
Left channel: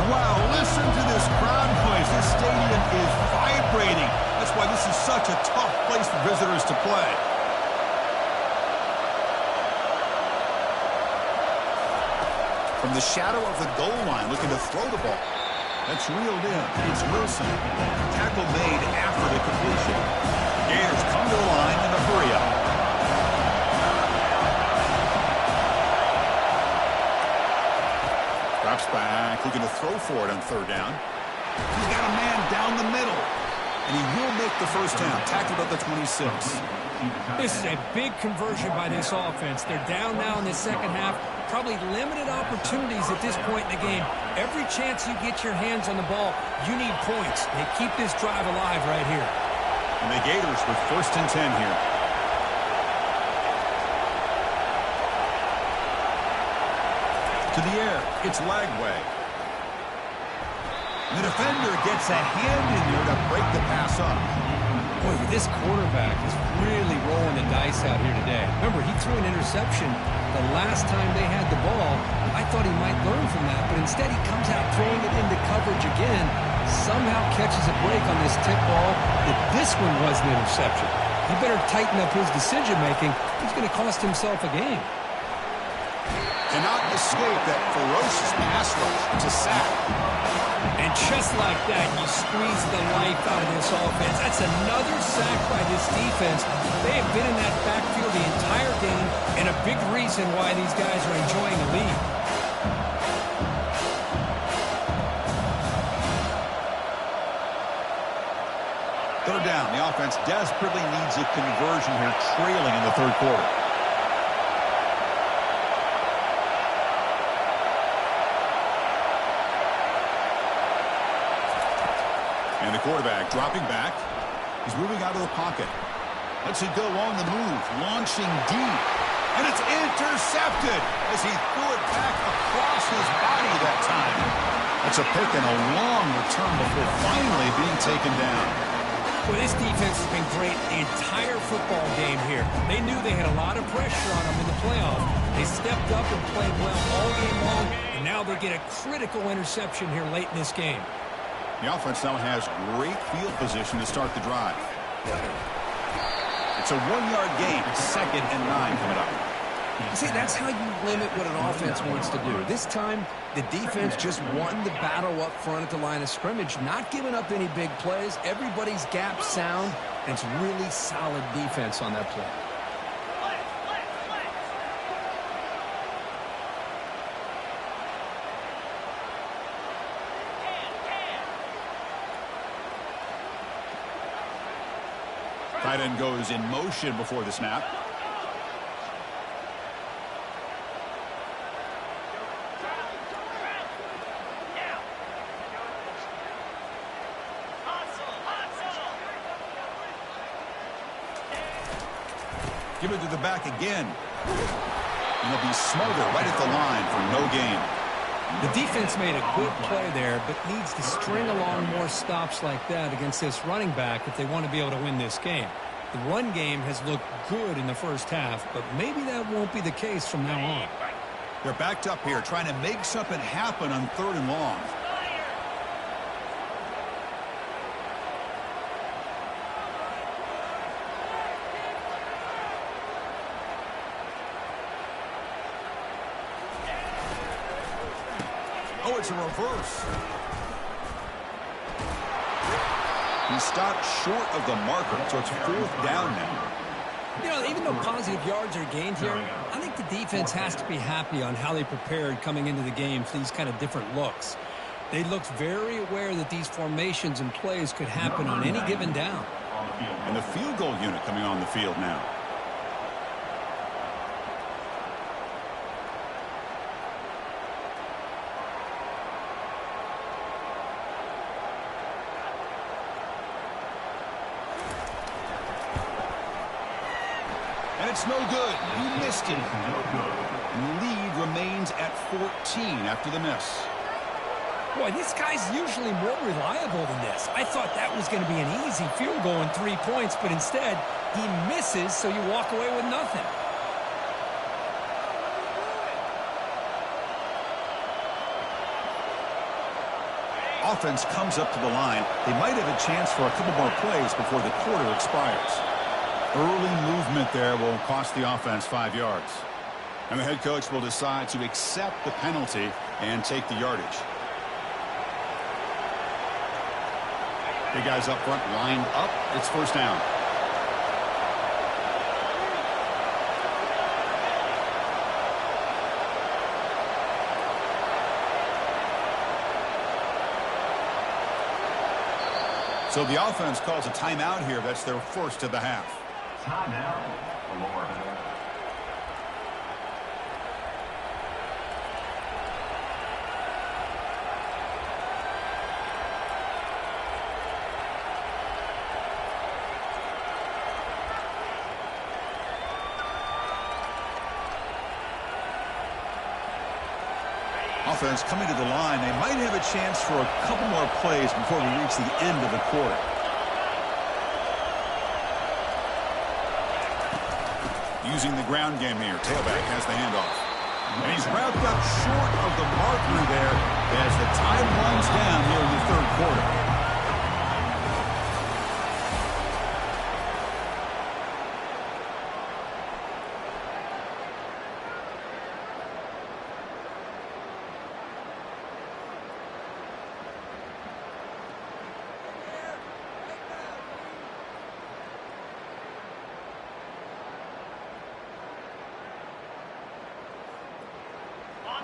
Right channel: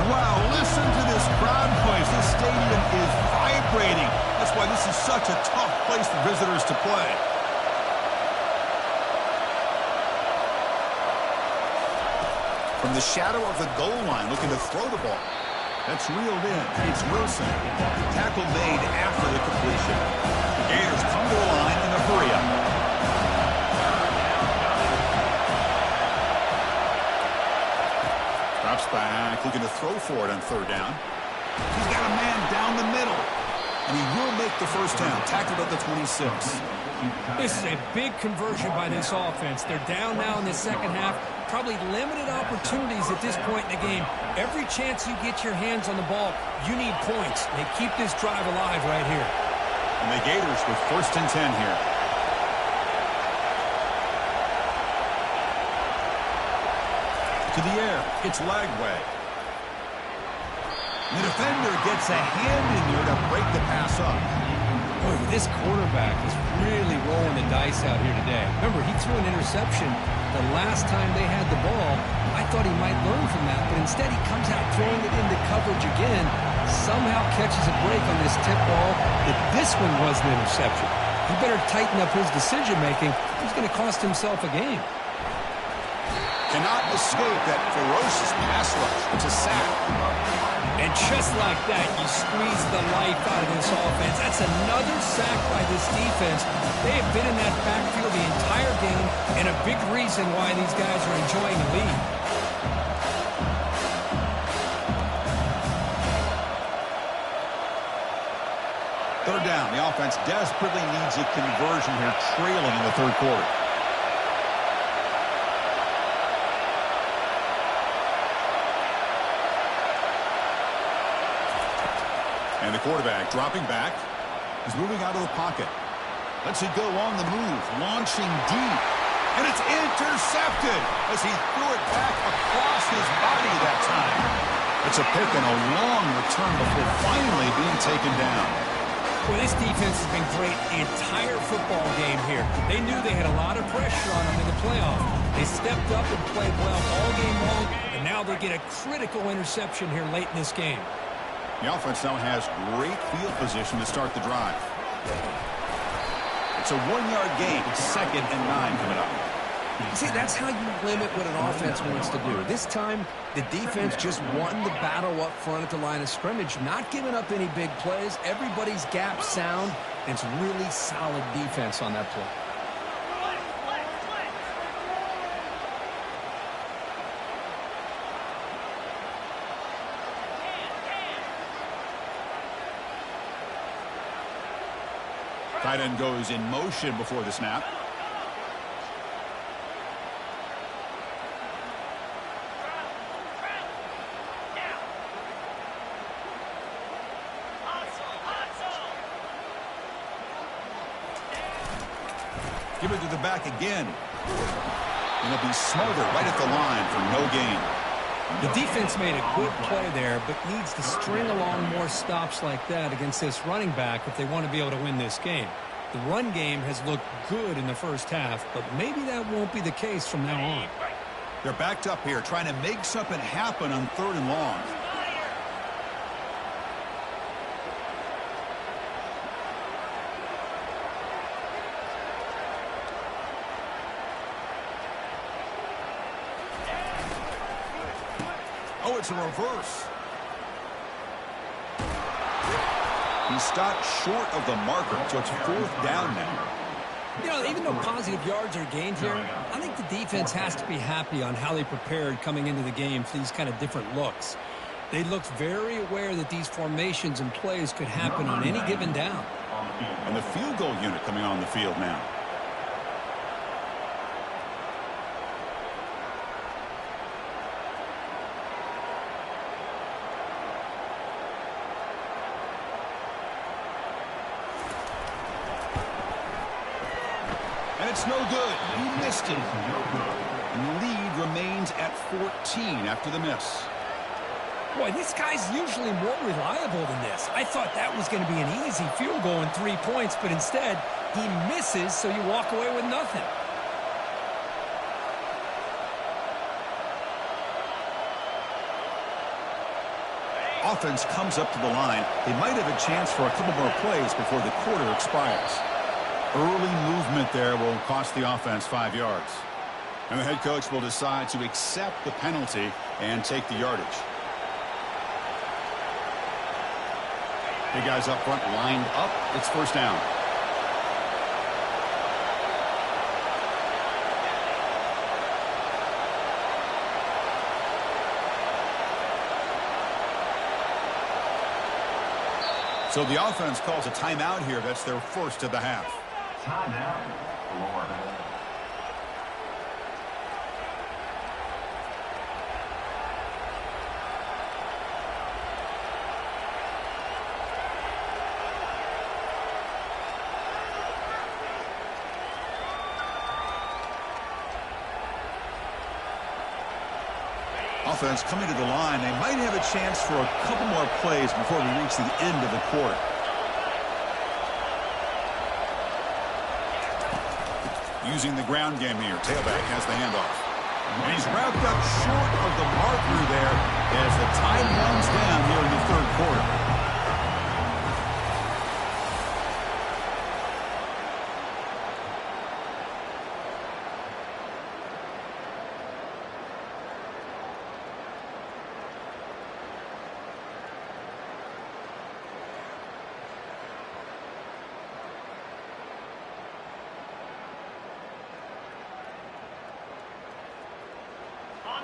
And wow, listen to this crowd noise. This stadium is vibrating. That's why this is such a tough place for visitors to play. From the shadow of the goal line, looking to throw the ball. That's reeled in. It's Wilson. Tackle made after the completion. The Gators come to the line in a hurry-up. Drops back, looking to throw for it on third down. He's got a man down the middle. And he will make the first down. Tackled at the 26. This is a big conversion by this offense. They're down now in the second half. Probably limited opportunities at this point in the game. Every chance you get your hands on the ball, you need points. They keep this drive alive right here. And the Gators with first and 10 here. To the air, it's Lagway. The defender gets a hand in there to break the pass up. Boy, this quarterback is really rolling the dice out here today. Remember, he threw an interception the last time they had the ball. I thought he might learn from that, but instead he comes out throwing it into coverage again, somehow catches a break on this tip ball that this one was an interception. He better tighten up his decision-making. He's going to cost himself a game. Cannot escape that ferocious pass rush. It's a sack. And just like that, you squeeze the life out of this offense. That's another sack by this defense. They have been in that backfield the entire game, and a big reason why these guys are enjoying the lead. Third down. The offense desperately needs a conversion here, trailing in the third quarter. And the quarterback dropping back. He's moving out of the pocket. Lets it go on the move, launching deep. And it's intercepted as he threw it back across his body that time. That's a pick and a long return before finally being taken down. Well, this defense has been great the entire football game here. They knew they had a lot of pressure on them in the playoffs. They stepped up and played well all game long, and now they get a critical interception here late in this game. The offense now has great field position to start the drive. It's a 1-yard gain. 2nd and 9 coming up. See, that's how you limit what an offense wants to do. This time, the defense just won the battle up front at the line of scrimmage, not giving up any big plays. Everybody's gap sound, and it's really solid defense on that play. Tight end goes in motion before the snap. Give it to the back again. And he'll be smothered right at the line for no gain. The defense made a good play there, but needs to string along more stops like that against this running back if they want to be able to win this game. The run game has looked good in the first half, but maybe that won't be the case from now on. They're backed up here trying to make something happen on 3rd and long. Oh, it's a reverse. He stopped short of the marker, so it's 4th down now. You know, even though positive yards are gained here, I think the defense has to be happy on how they prepared coming into the game for these kind of different looks. They looked very aware that these formations and plays could happen on any given down. And the field goal unit coming on the field now. And it's no good. He missed it. No good. And the lead remains at 14 after the miss. Boy, this guy's usually more reliable than this. I thought that was going to be an easy field goal and 3 points, but instead, he misses, so you walk away with nothing. Offense comes up to the line. They might have a chance for a couple more plays before the quarter expires. Early movement there will cost the offense 5 yards. And the head coach will decide to accept the penalty and take the yardage. The guys up front lined up. It's first down. So the offense calls a timeout here. That's their first of the half. Timeout, Florida. Offense coming to the line. They might have a chance for a couple more plays before we reach the end of the quarter. Using the ground game here. Tailback has the handoff. And he's wrapped up short of the marker there as the time runs down here in the third quarter.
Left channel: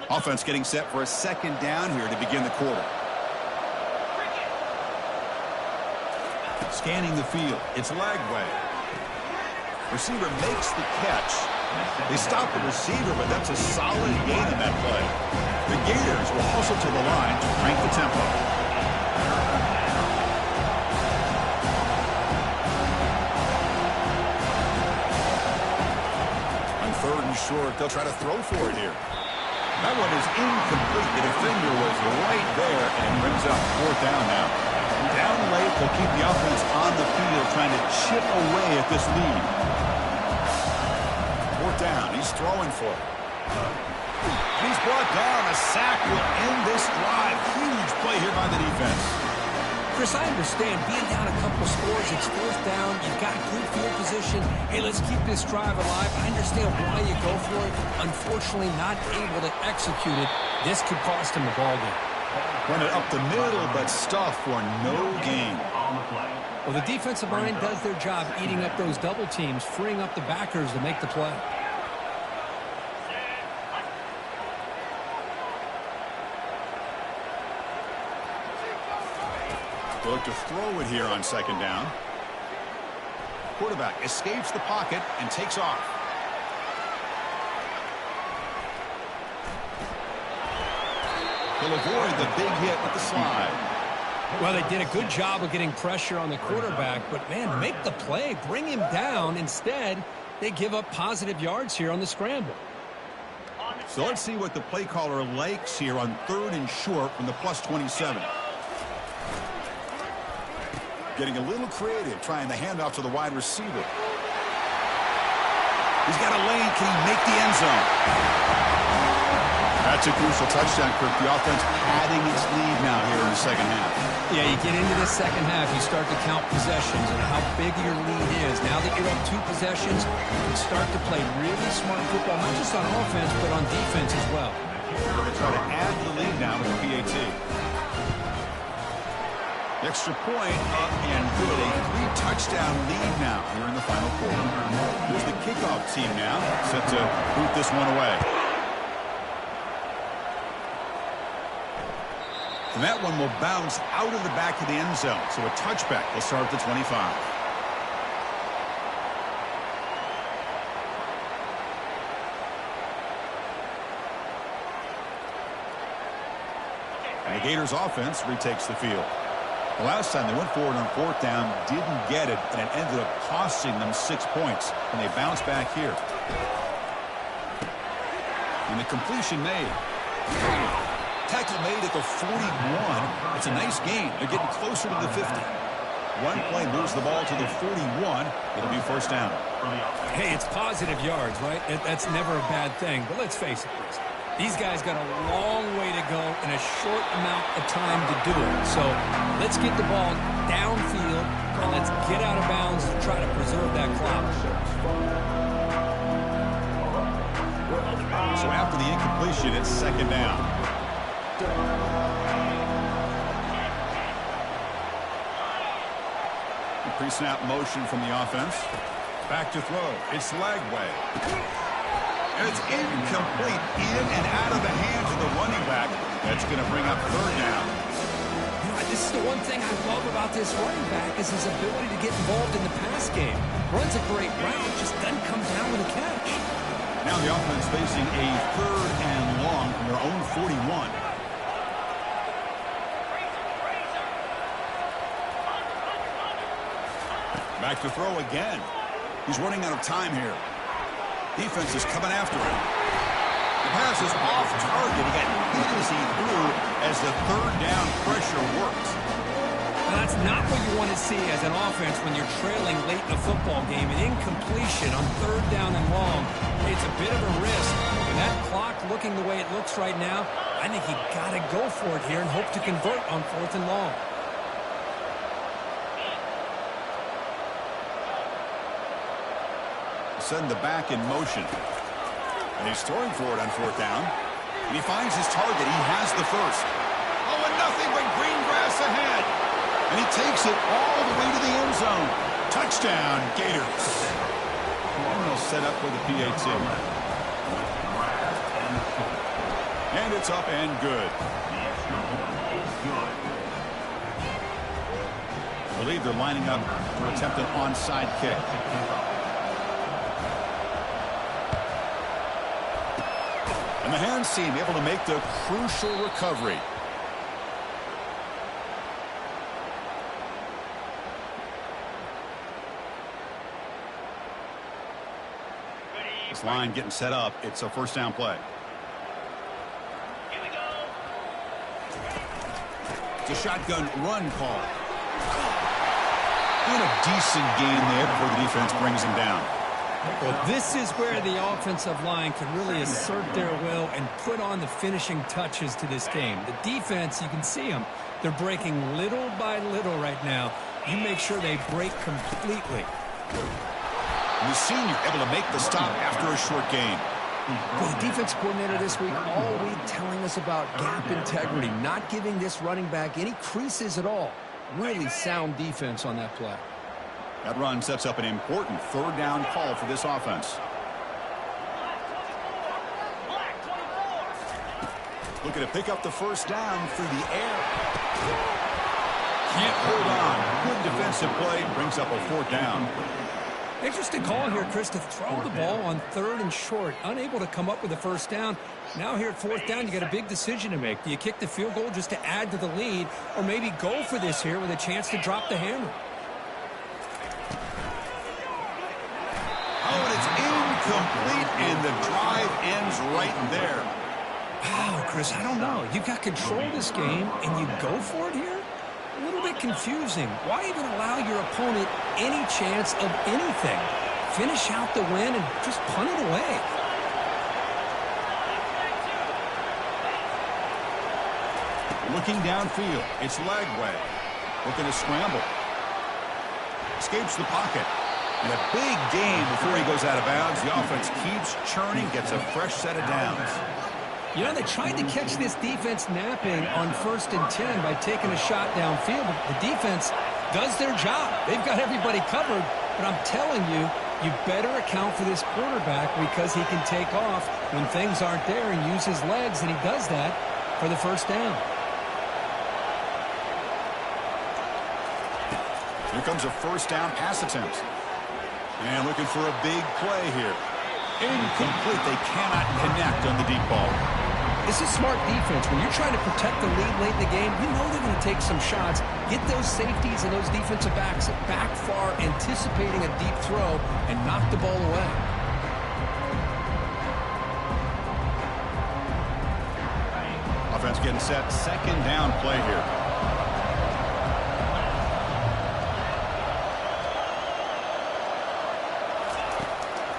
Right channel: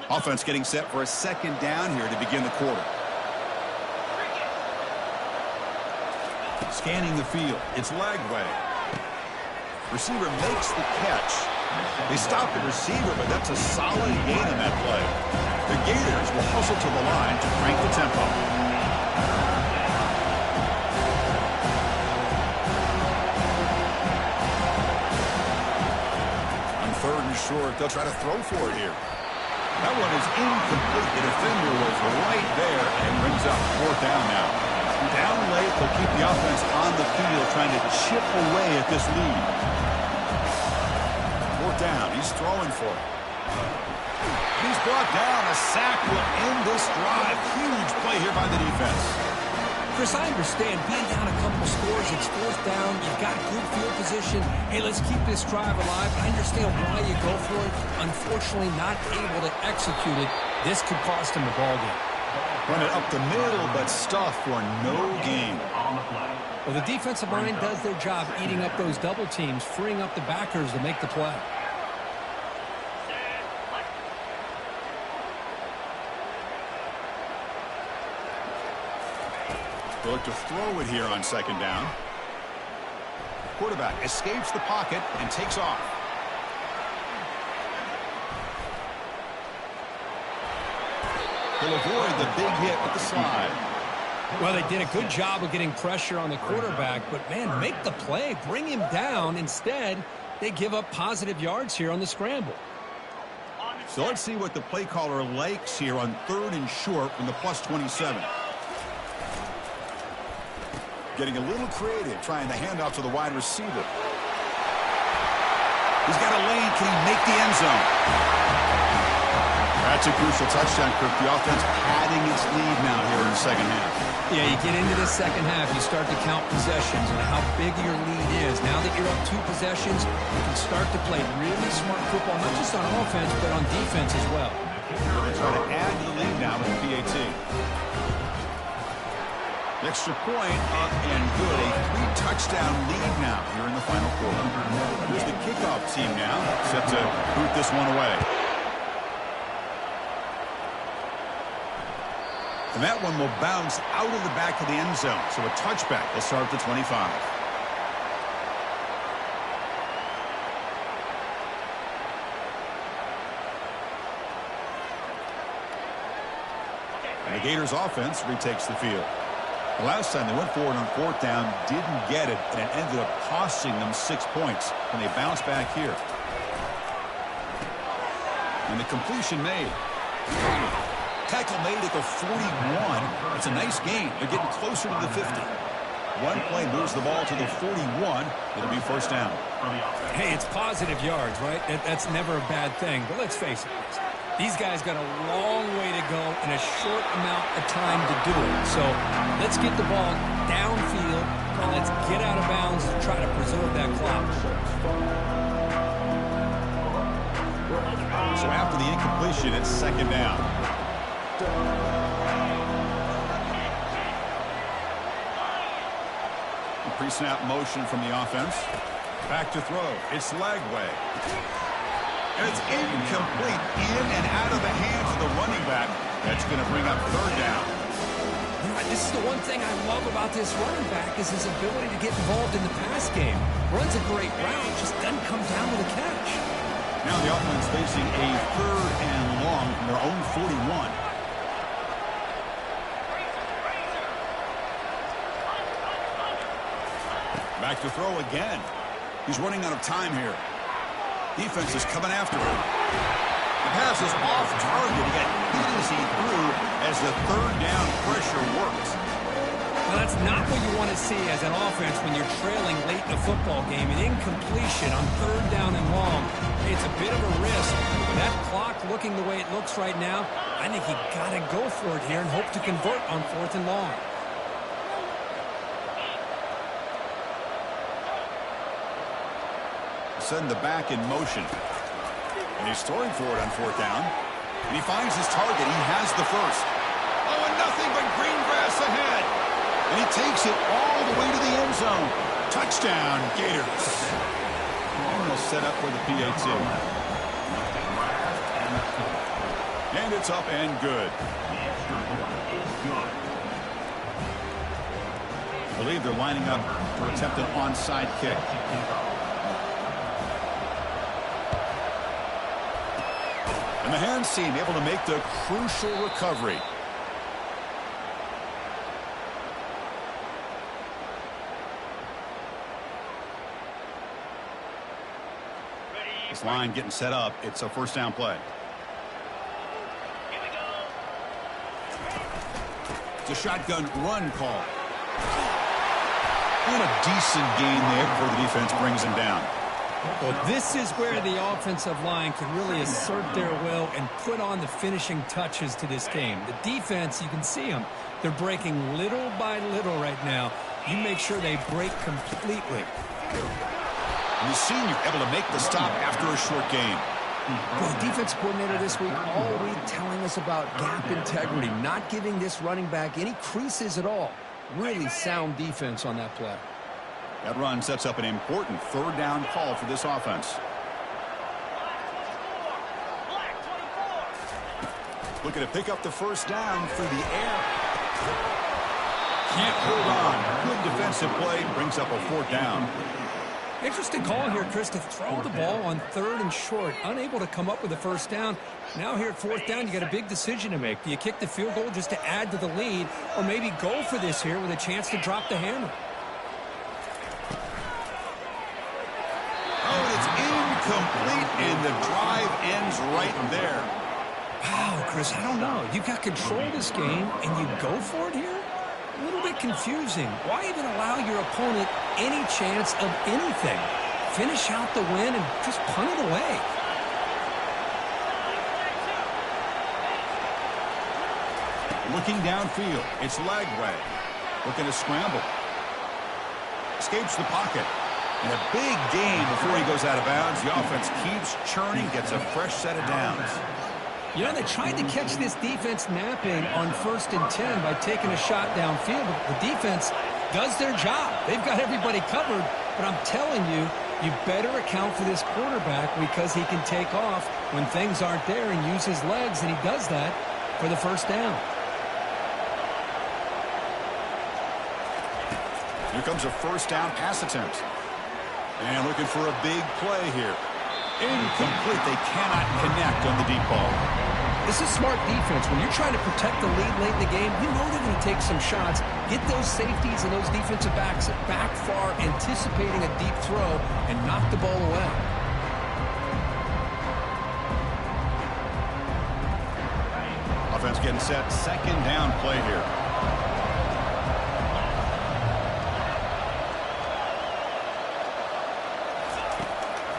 Offense getting set for a second down here to begin the quarter. Scanning the field. It's Lagway. Receiver makes the catch. They stop the receiver, but that's a solid gain on that play. The Gators will hustle to the line to crank the tempo. On third and short, they'll try to throw for it here. That one is incomplete. The defender was right there and brings up fourth down now. Down late, they'll keep the offense on the field trying to chip away at this lead. Fourth down. He's throwing for it. And he's brought down. A sack will end this drive. Huge play here by the defense. Chris, I understand being down a couple scores, it's fourth down, you've got good field position. Hey, let's keep this drive alive. I understand why you go for it. Unfortunately, not able to execute it. This could cost him the ball game. Run it up the middle, but stuff for no gain. Well, the defensive line does their job eating up those double teams, freeing up the backers to make the play. They'll look to throw it here on second down. Quarterback escapes the pocket and takes off. He'll avoid the big hit with the slide. Well, they did a good job of getting pressure on the quarterback, but, man, make the play. Bring him down. Instead, they give up positive yards here on the scramble. So let's see what the play caller likes here on third and short from the +27. Getting a little creative, trying the handoff to the wide receiver. He's got a lane. Can he make the end zone? That's a crucial touchdown, Kirk. The offense padding its lead now here in the second half. Yeah, you get into the second half, you start to count possessions and how big your lead is. Now that you're up 2 possessions, you can start to play really smart football, not just on offense, but on defense as well. They try to add to the lead now with the PAT. Extra point up and good. A 3-touchdown lead now here in the final quarter. Here's the kickoff team now, set to boot this one away. And that one will bounce out of the back of the end zone. So a touchback will start at the 25. And the Gators offense retakes the field. The last time they went forward on 4th down, didn't get it, and it ended up costing them 6 points. And they bounce back here. And the completion made. Tackle made at the 41. It's a nice gain. They're getting closer to the 50. One play moves the ball to the 41. It'll be 1st down. Hey, it's positive yards, right? That's never a bad thing. But let's face it, Chris. These guys got a long way to go in a short amount of time to do it. So let's get the ball downfield and let's get out of bounds to try to preserve that clock. So after the incompletion, it's 2nd down. The pre-snap motion from the offense. Back to throw. It's Lagway. And it's incomplete. In and out of the hands of the running back. That's going to bring up 3rd down. You know, this is the one thing I love about this running back is his ability to get involved in the pass game. Runs a great route, just doesn't come down with a catch. Now the offense facing a 3rd and long from their own 41. Back to throw again. He's running out of time here. Defense is coming after him. The pass is off target. He got hit as he threw as the 3rd down pressure works. Now, that's not what you want to see as an offense when you're trailing late in a football game. An incompletion on 3rd down and long. It's a bit of a risk. With that clock looking the way it looks right now, I think he got to go for it here and hope to convert on 4th and long. Send the back in motion. And he's throwing for it on 4th down. And he finds his target. He has the 1st. Oh, and nothing but green grass ahead. And he takes it all the way to the end zone. Touchdown, Gators. And they'll set up for the PAT. And it's up and good. The extra point is good. I believe they're lining up to attempt an onside kick. And the hands team able to make the crucial recovery. This line getting set up. It's a 1st down play. Here we go. It's a shotgun run call. And a decent gain there before the defense brings him down. Well, this is where the offensive line can really assert their will and put on the finishing touches to this game. The defense, you can see them. They're breaking little by little right now. You make sure they break completely. And the senior able to make the stop after a short gain. Well, the defense coordinator this week all week telling us about gap integrity, not giving this running back any creases at all. Really sound defense on that play. That run sets up an important 3rd down call for this offense. Looking to pick up the 1st down through the air. Can't hold on. Good defensive play. Brings up a 4th down. Interesting call here, Chris, to throw the ball on 3rd and short. Unable to come up with a 1st down. Now here at 4th down, you got a big decision to make. Do you kick the field goal just to add to the lead, or maybe go for this here with a chance to drop the hammer? Oh, and it's incomplete, and the drive ends right there. Wow, Chris, I don't know. You've got control of this game, and you go for it here? A little bit confusing. Why even allow your opponent any chance of anything? Finish out the win and just punt it away. Looking downfield, it's Lagway. Looking to scramble. Escapes the pocket. And a big gain before he goes out of bounds. The offense keeps churning, gets a fresh set of downs. You know, they tried to catch this defense napping on 1st and 10 by taking a shot downfield, but the defense does their job. They've got everybody covered, but I'm telling you, you better account for this quarterback because he can take off when things aren't there and use his legs, and he does that for the 1st down. Here comes a 1st down pass attempt. And looking for a big play here. Incomplete. They cannot connect on the deep ball. This is smart defense. When you're trying to protect the lead late in the game, you know they're going to take some shots, get those safeties and those defensive backs back far, anticipating a deep throw, and knock the ball away. Offense getting set. Second down play here.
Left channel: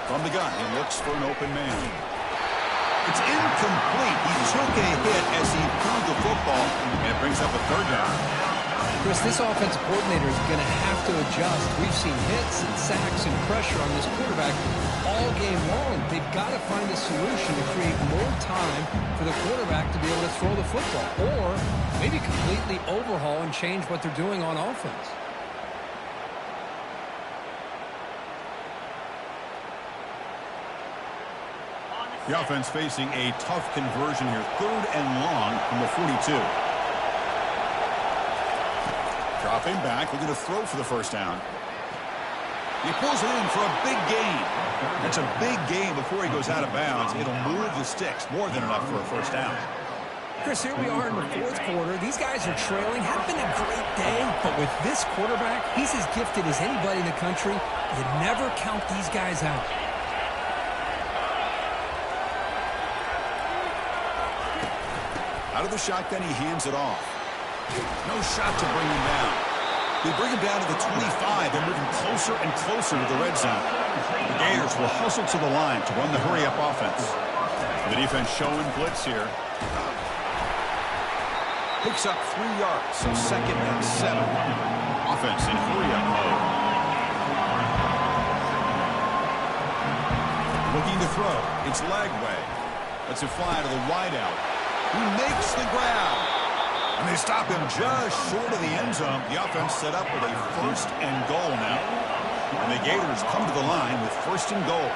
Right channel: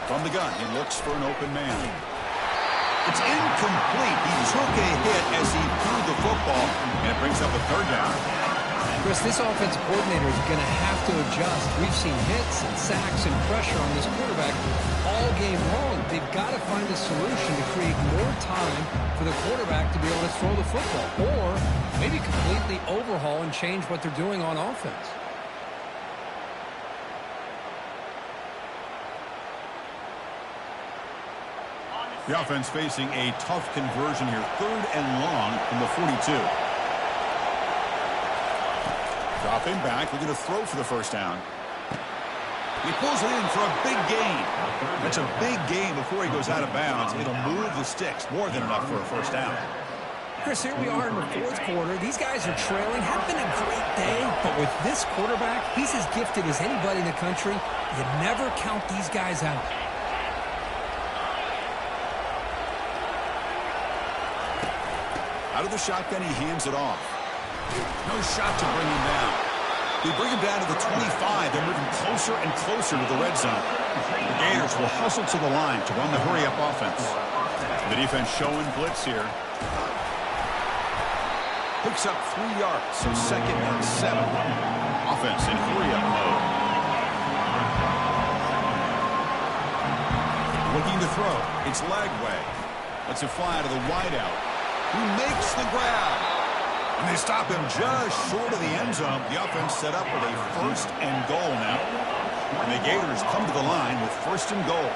From the gun, he looks for an open man. It's incomplete. He took a hit as he threw the football, and it brings up a third down. Chris, this offensive coordinator is going to have to adjust. We've seen hits and sacks and pressure on this quarterback all game long. They've got to find a solution to create more time for the quarterback to be able to throw the football, or maybe completely overhaul and change what they're doing on offense. The offense facing a tough conversion here. 3rd and long from the 42. Dropping back, looking to throw for the first down. He pulls it in for a big gain. That's a big gain before he goes out of bounds. It'll move the sticks, more than enough for a first down. Chris, here we are in the 4th quarter. These guys are trailing. Have been a great day, but with this quarterback, he's as gifted as anybody in the country. You never count these guys out. Out of the shotgun, he hands it off. No shot to bring him down. They bring him down to the 25. They're moving closer and closer to the red zone. The Gators will hustle to the line to run the hurry-up offense. The defense showing blitz here. Picks up 3 yards, so 2nd and 7. Offense in hurry-up mode. Looking to throw. It's Lagway. Lets it fly to the wideout. Who makes the grab. And they stop him just short of the end zone. The offense set up with a 1st and goal now. And the Gators come to the line with 1st and goal.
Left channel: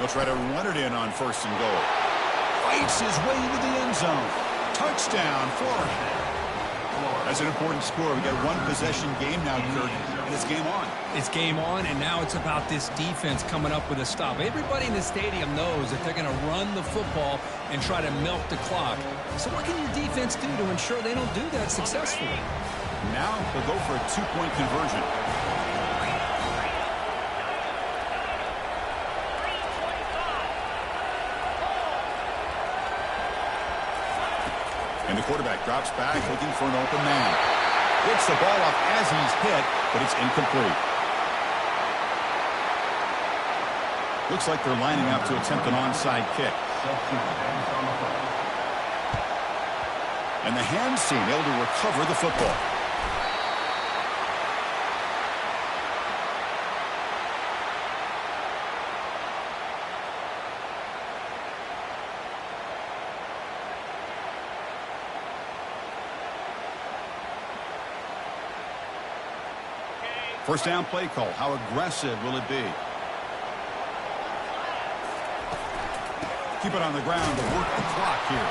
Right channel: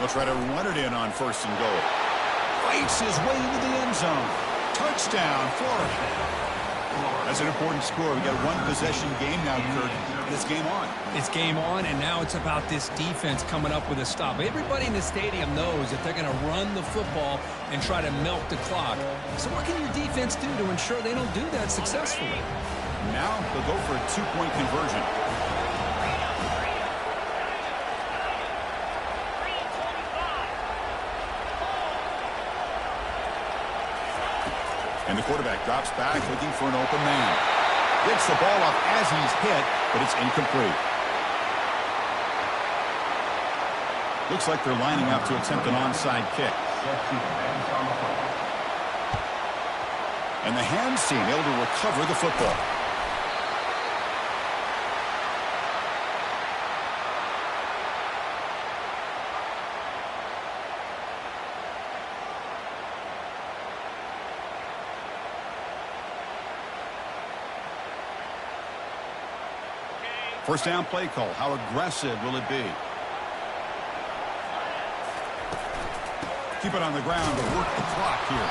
They'll try to run it in on 1st and goal. Fights his way into the end zone. Touchdown, Florida. That's an important score. We got a 1-possession game now, Kirk, and it's game on. It's game on, and now it's about this defense coming up with a stop. Everybody in the stadium knows that they're going to run the football and try to milk the clock. So what can your defense do to ensure they don't do that successfully? Now they'll go for a 2-point conversion. And the quarterback drops back, looking for an open man. Gets the ball off as he's hit, but it's incomplete. Looks like they're lining up to attempt an onside kick. And the hands team able to recover the football. First down play call. How aggressive will it be? Keep it on the ground to work the clock here.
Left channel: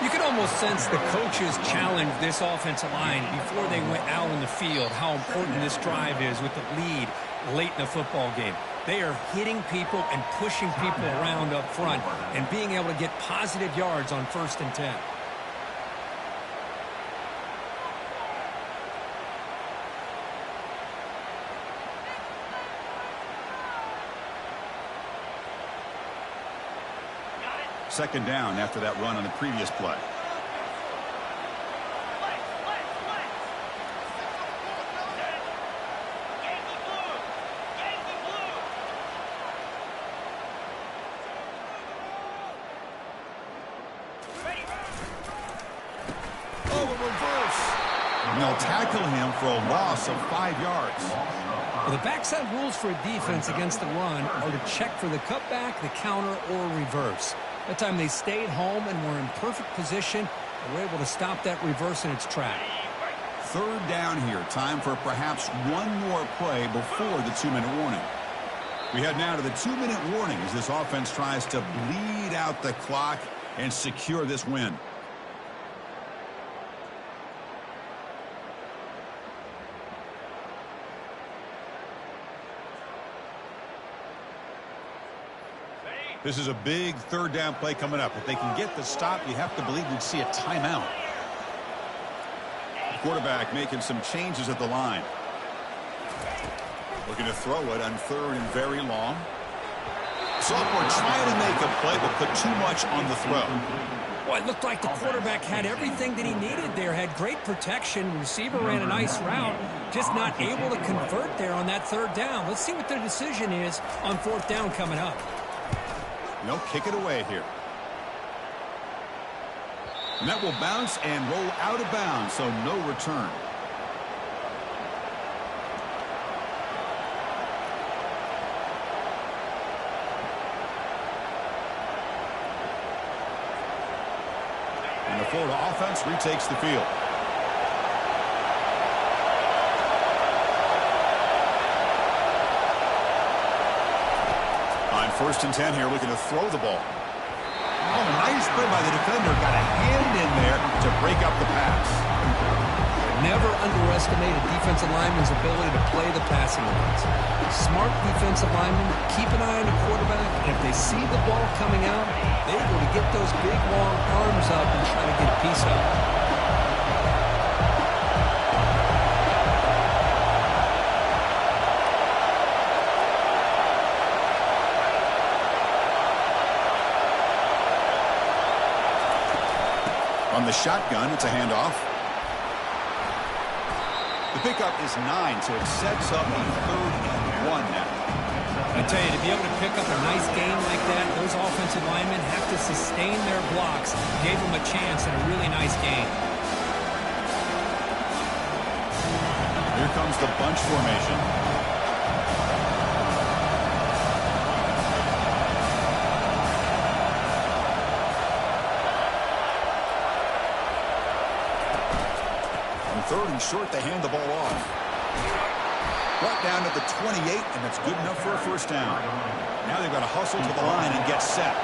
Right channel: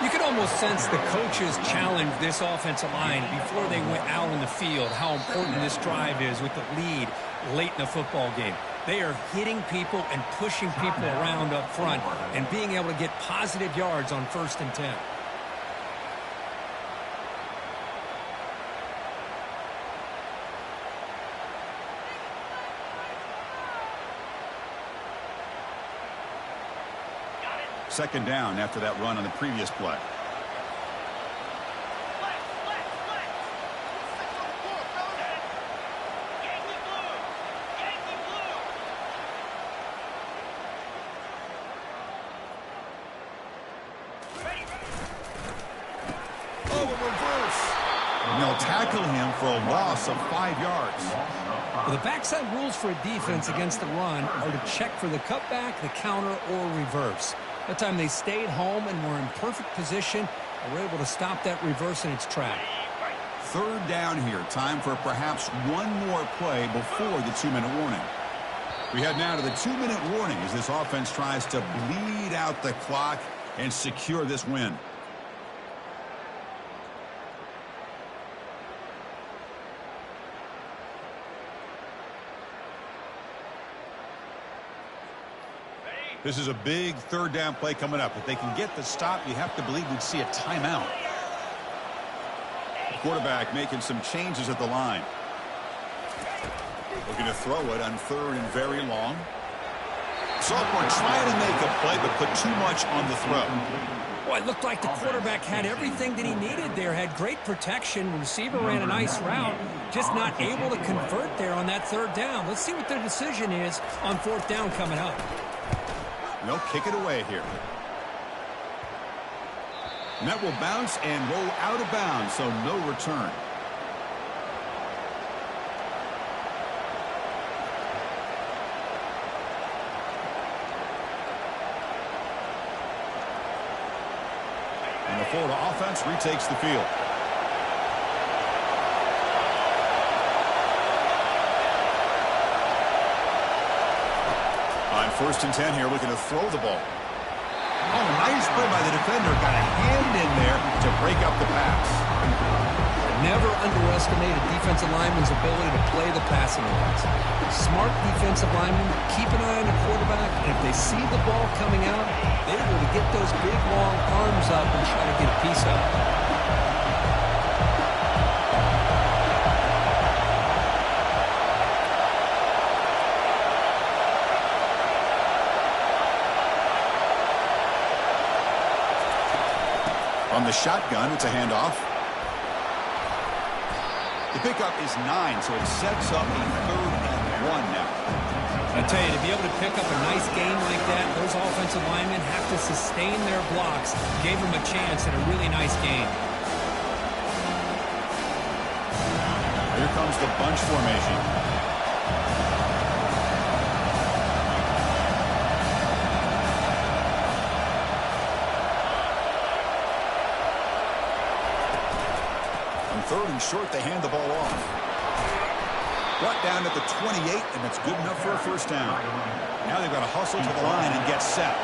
You can almost sense the coaches challenged this offensive line before they went out in the field, how important this drive is with the lead late in the football game. They are hitting people and pushing people around up front and being able to get positive yards on 1st and 10. Second down after that run on the previous play. Oh, a reverse. And they'll tackle him for a loss of 5 yards. Well, the backside rules for a defense against the run are to check for the cutback, the counter, or reverse. That time they stayed home and were in perfect position and were able to stop that reverse in its track. 3rd down here. Time for perhaps one more play before the 2-minute warning. We head now to the 2-minute warning as this offense tries to bleed out the clock and secure this win. This is a big third down play coming up. If they can get the stop, you have to believe we'd see a timeout. The quarterback making some changes at the line. Looking to throw it on third and very long. Sophomore trying to make a play, but put too much on the throw. Well, it looked like the quarterback had everything that he needed there. Had great protection. Receiver ran a nice route. Just not able to convert there on that third down. Let's see what their decision is on fourth down coming up. They'll kick it away here. And that will bounce and roll out of bounds, so no return. And the Florida offense retakes the field. On 1st and 10 here, looking to throw the ball. Oh, nice play by the defender. Got a hand in there to break up the pass. Never underestimate a defensive lineman's ability to play the passing lanes. Smart defensive linemen keep an eye on the quarterback, and if they see the ball coming out, they're able to get those big, long arms up and try to get a piece of it. On the shotgun, it's a handoff. The pickup is 9, so it sets up a 3rd and 1 now. I tell you, to be able to pick up a nice gain like that, those offensive linemen have to sustain their blocks. Gave them a chance at a really nice gain. Here comes the bunch formation. On 3rd and short, they hand the ball off. Brought down at the 28, and that's good enough for a first down. Now they've got to hustle to the line and get set.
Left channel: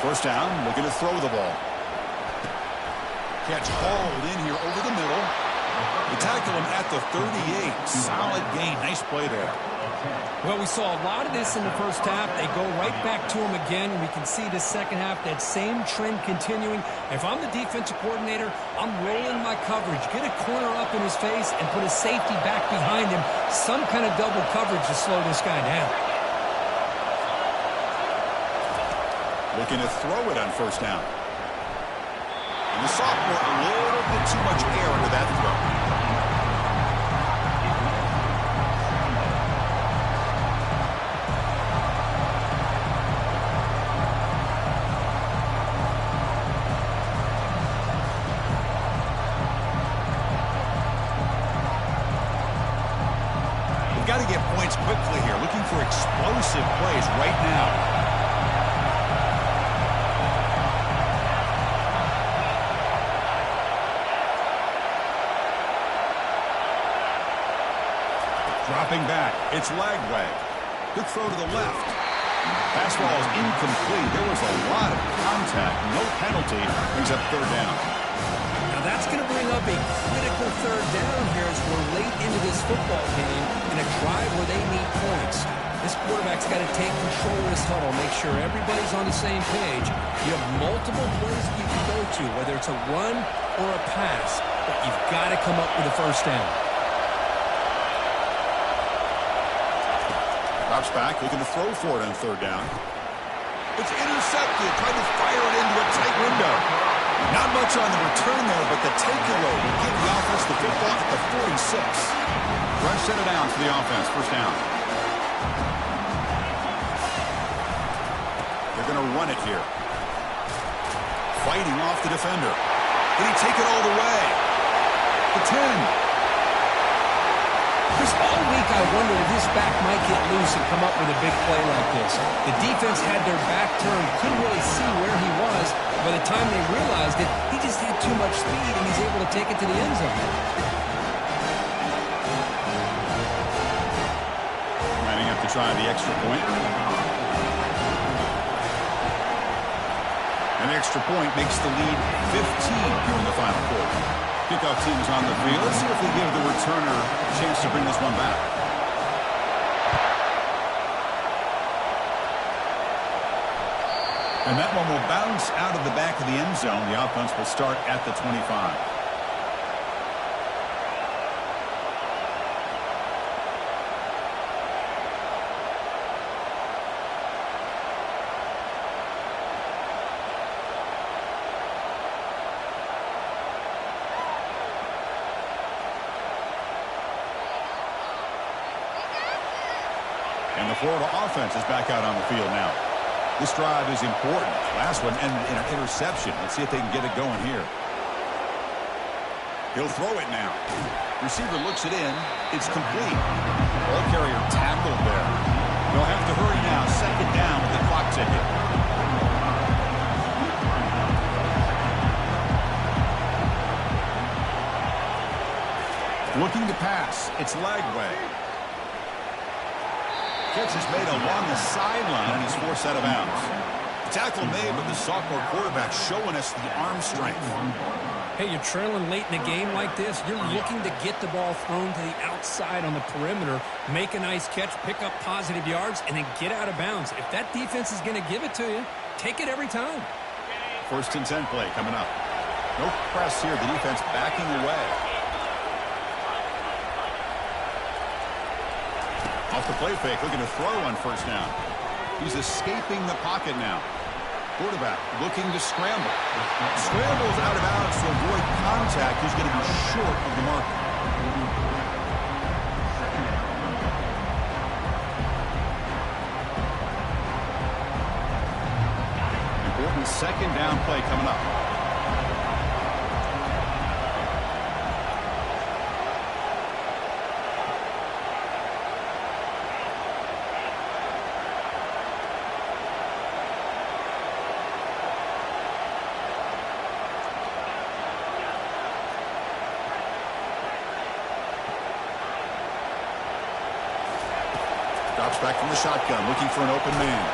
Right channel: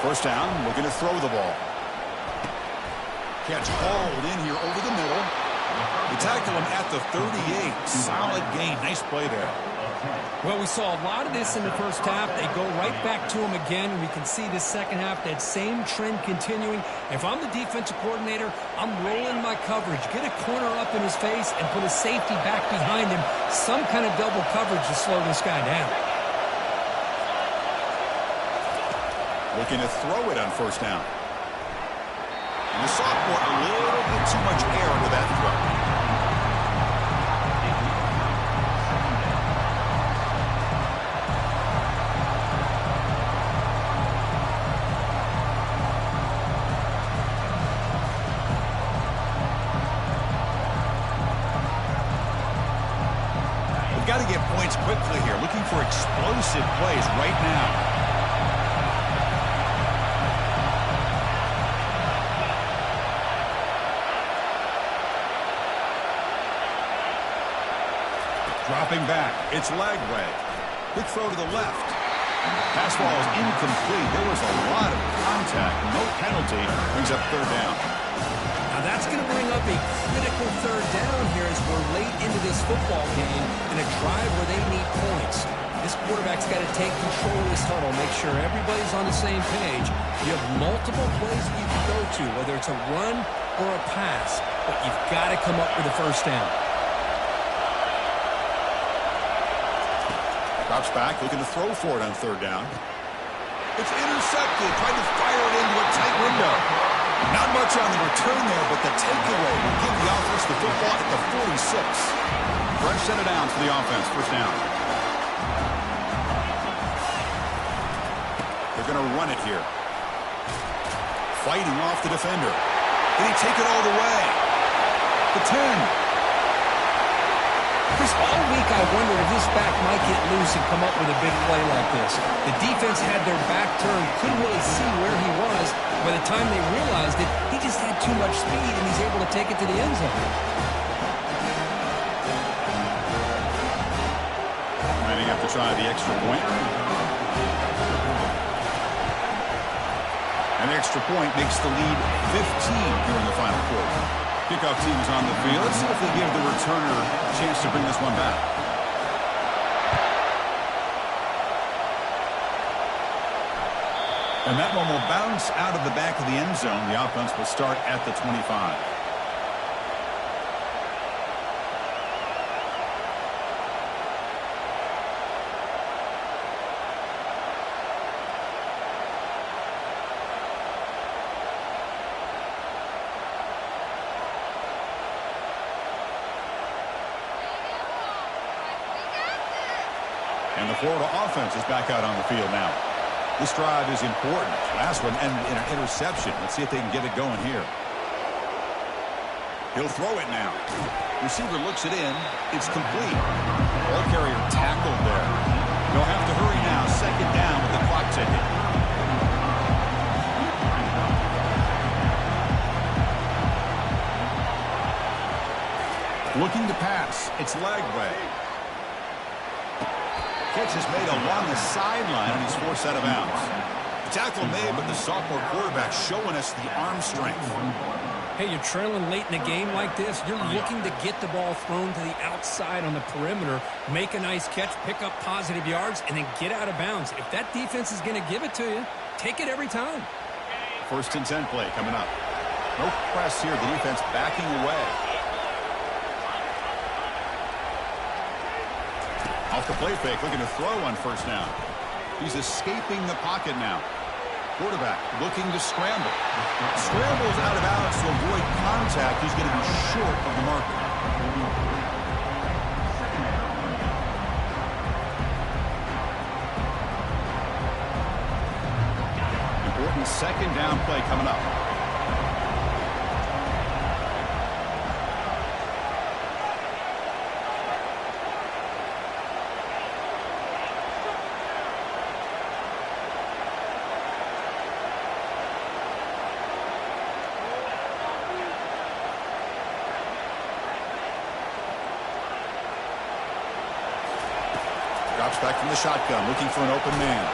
First down, looking to throw the ball. Catch hauled in here over the middle. They tackle him at the 38. Solid gain. Nice play there. Well, we saw a lot of this in the first half. They go right back to him again, and we can see the second half, that same trend continuing. If I'm the defensive coordinator, I'm rolling my coverage. Get a corner up in his face and put a safety back behind him. Some kind of double coverage to slow this guy down. Looking to throw it on first down. And the sophomore, a little bit too much air under that throw. Got to get points quickly here. Looking for explosive plays right now. Dropping back. It's Lagway. Quick throw to the left. Pass ball is incomplete. There was a lot of contact. No penalty. Brings up 3rd down. Now that's going to bring up a critical 3rd down here as we're late into this football game in a drive where they need points. This quarterback's got to take control of this huddle, make sure everybody's on the same page. You have multiple plays that you can go to, whether it's a run or a pass, but you've got to come up with a first down. Drops back, looking to throw for it on 3rd down. It's intercepted. Tried to fire it into a tight window. Not much on the return there, but the takeaway will give the offense the football at the 46. Fresh set of downs for the offense. First down. They're going to run it here. Fighting off the defender. Did he take it all the way? The 10. Chris, all week I wondered if this back might get loose and come up with a big play like this. The defense had their back turned, couldn't really see where he was. By the time they realized it, he just had too much speed, and he's able to take it to the end zone. Lining up to try the extra point. An extra point makes the lead 15 here in the final quarter. Kickoff team is on the field. Let's see if they give the returner a chance to bring this one back. And that one will bounce out of the back of the end zone. The offense will start at the 25. And the Florida offense is back out on the field now. This drive is important. Last one ended in an interception. Let's see if they can get it going here. He'll throw it now. Receiver looks it in. It's complete. Ball carrier tackled there. They'll have to hurry now. Second down with the clock ticking. Looking to pass. It's Lagway. Catch is made along the sideline, and he's forced out of bounds. The tackle made, but the sophomore quarterback showing us the arm strength. Hey, you're trailing late in the game like this. You're looking to get the ball thrown to the outside on the perimeter, make a nice catch, pick up positive yards, and then get out of bounds. If that defense is going to give it to you, take it every time. 1st and 10 play coming up. No press here. The defense backing away. Off the play fake, looking to throw on 1st down. He's escaping the pocket now. Quarterback looking to scramble. Scrambles out of bounds to avoid contact. He's going to be short of the marker. Important 2nd down play coming up. Drops back from the shotgun, looking for an open man.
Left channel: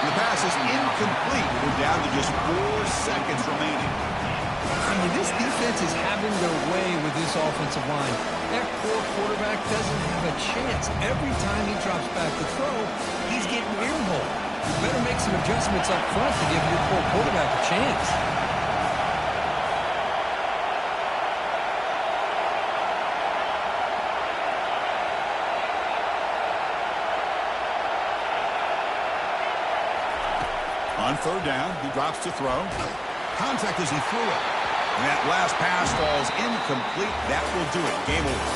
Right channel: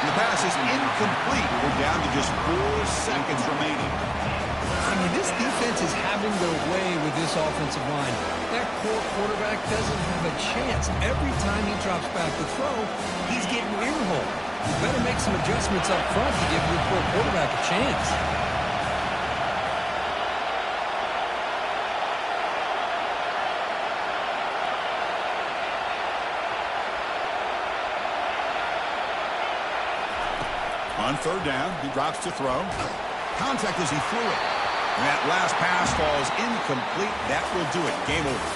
And the pass is incomplete. We're down to just 4 seconds remaining. I mean, this defense is having their way with this offensive line. That poor quarterback doesn't have a chance. Every time he drops back to throw, he's getting earholed. You better make some adjustments up front to give your poor quarterback a chance. On 3rd down, he drops to throw. Contact as he threw it. And that last pass falls incomplete. That will do it. Game over.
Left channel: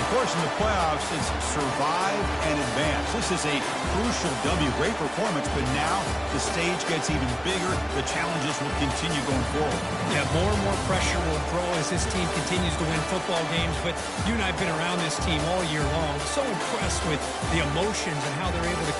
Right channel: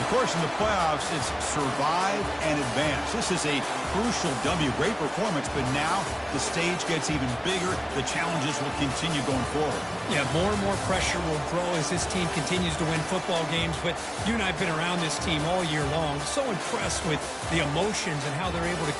Of course, in the playoffs, it's survive and advance. This is a crucial W. Great performance, but now the stage gets even bigger. The challenges will continue going forward. Yeah, more and more pressure will grow as this team continues to win football games. But you and I have been around this team all year long. So impressed with the emotions and how they're able to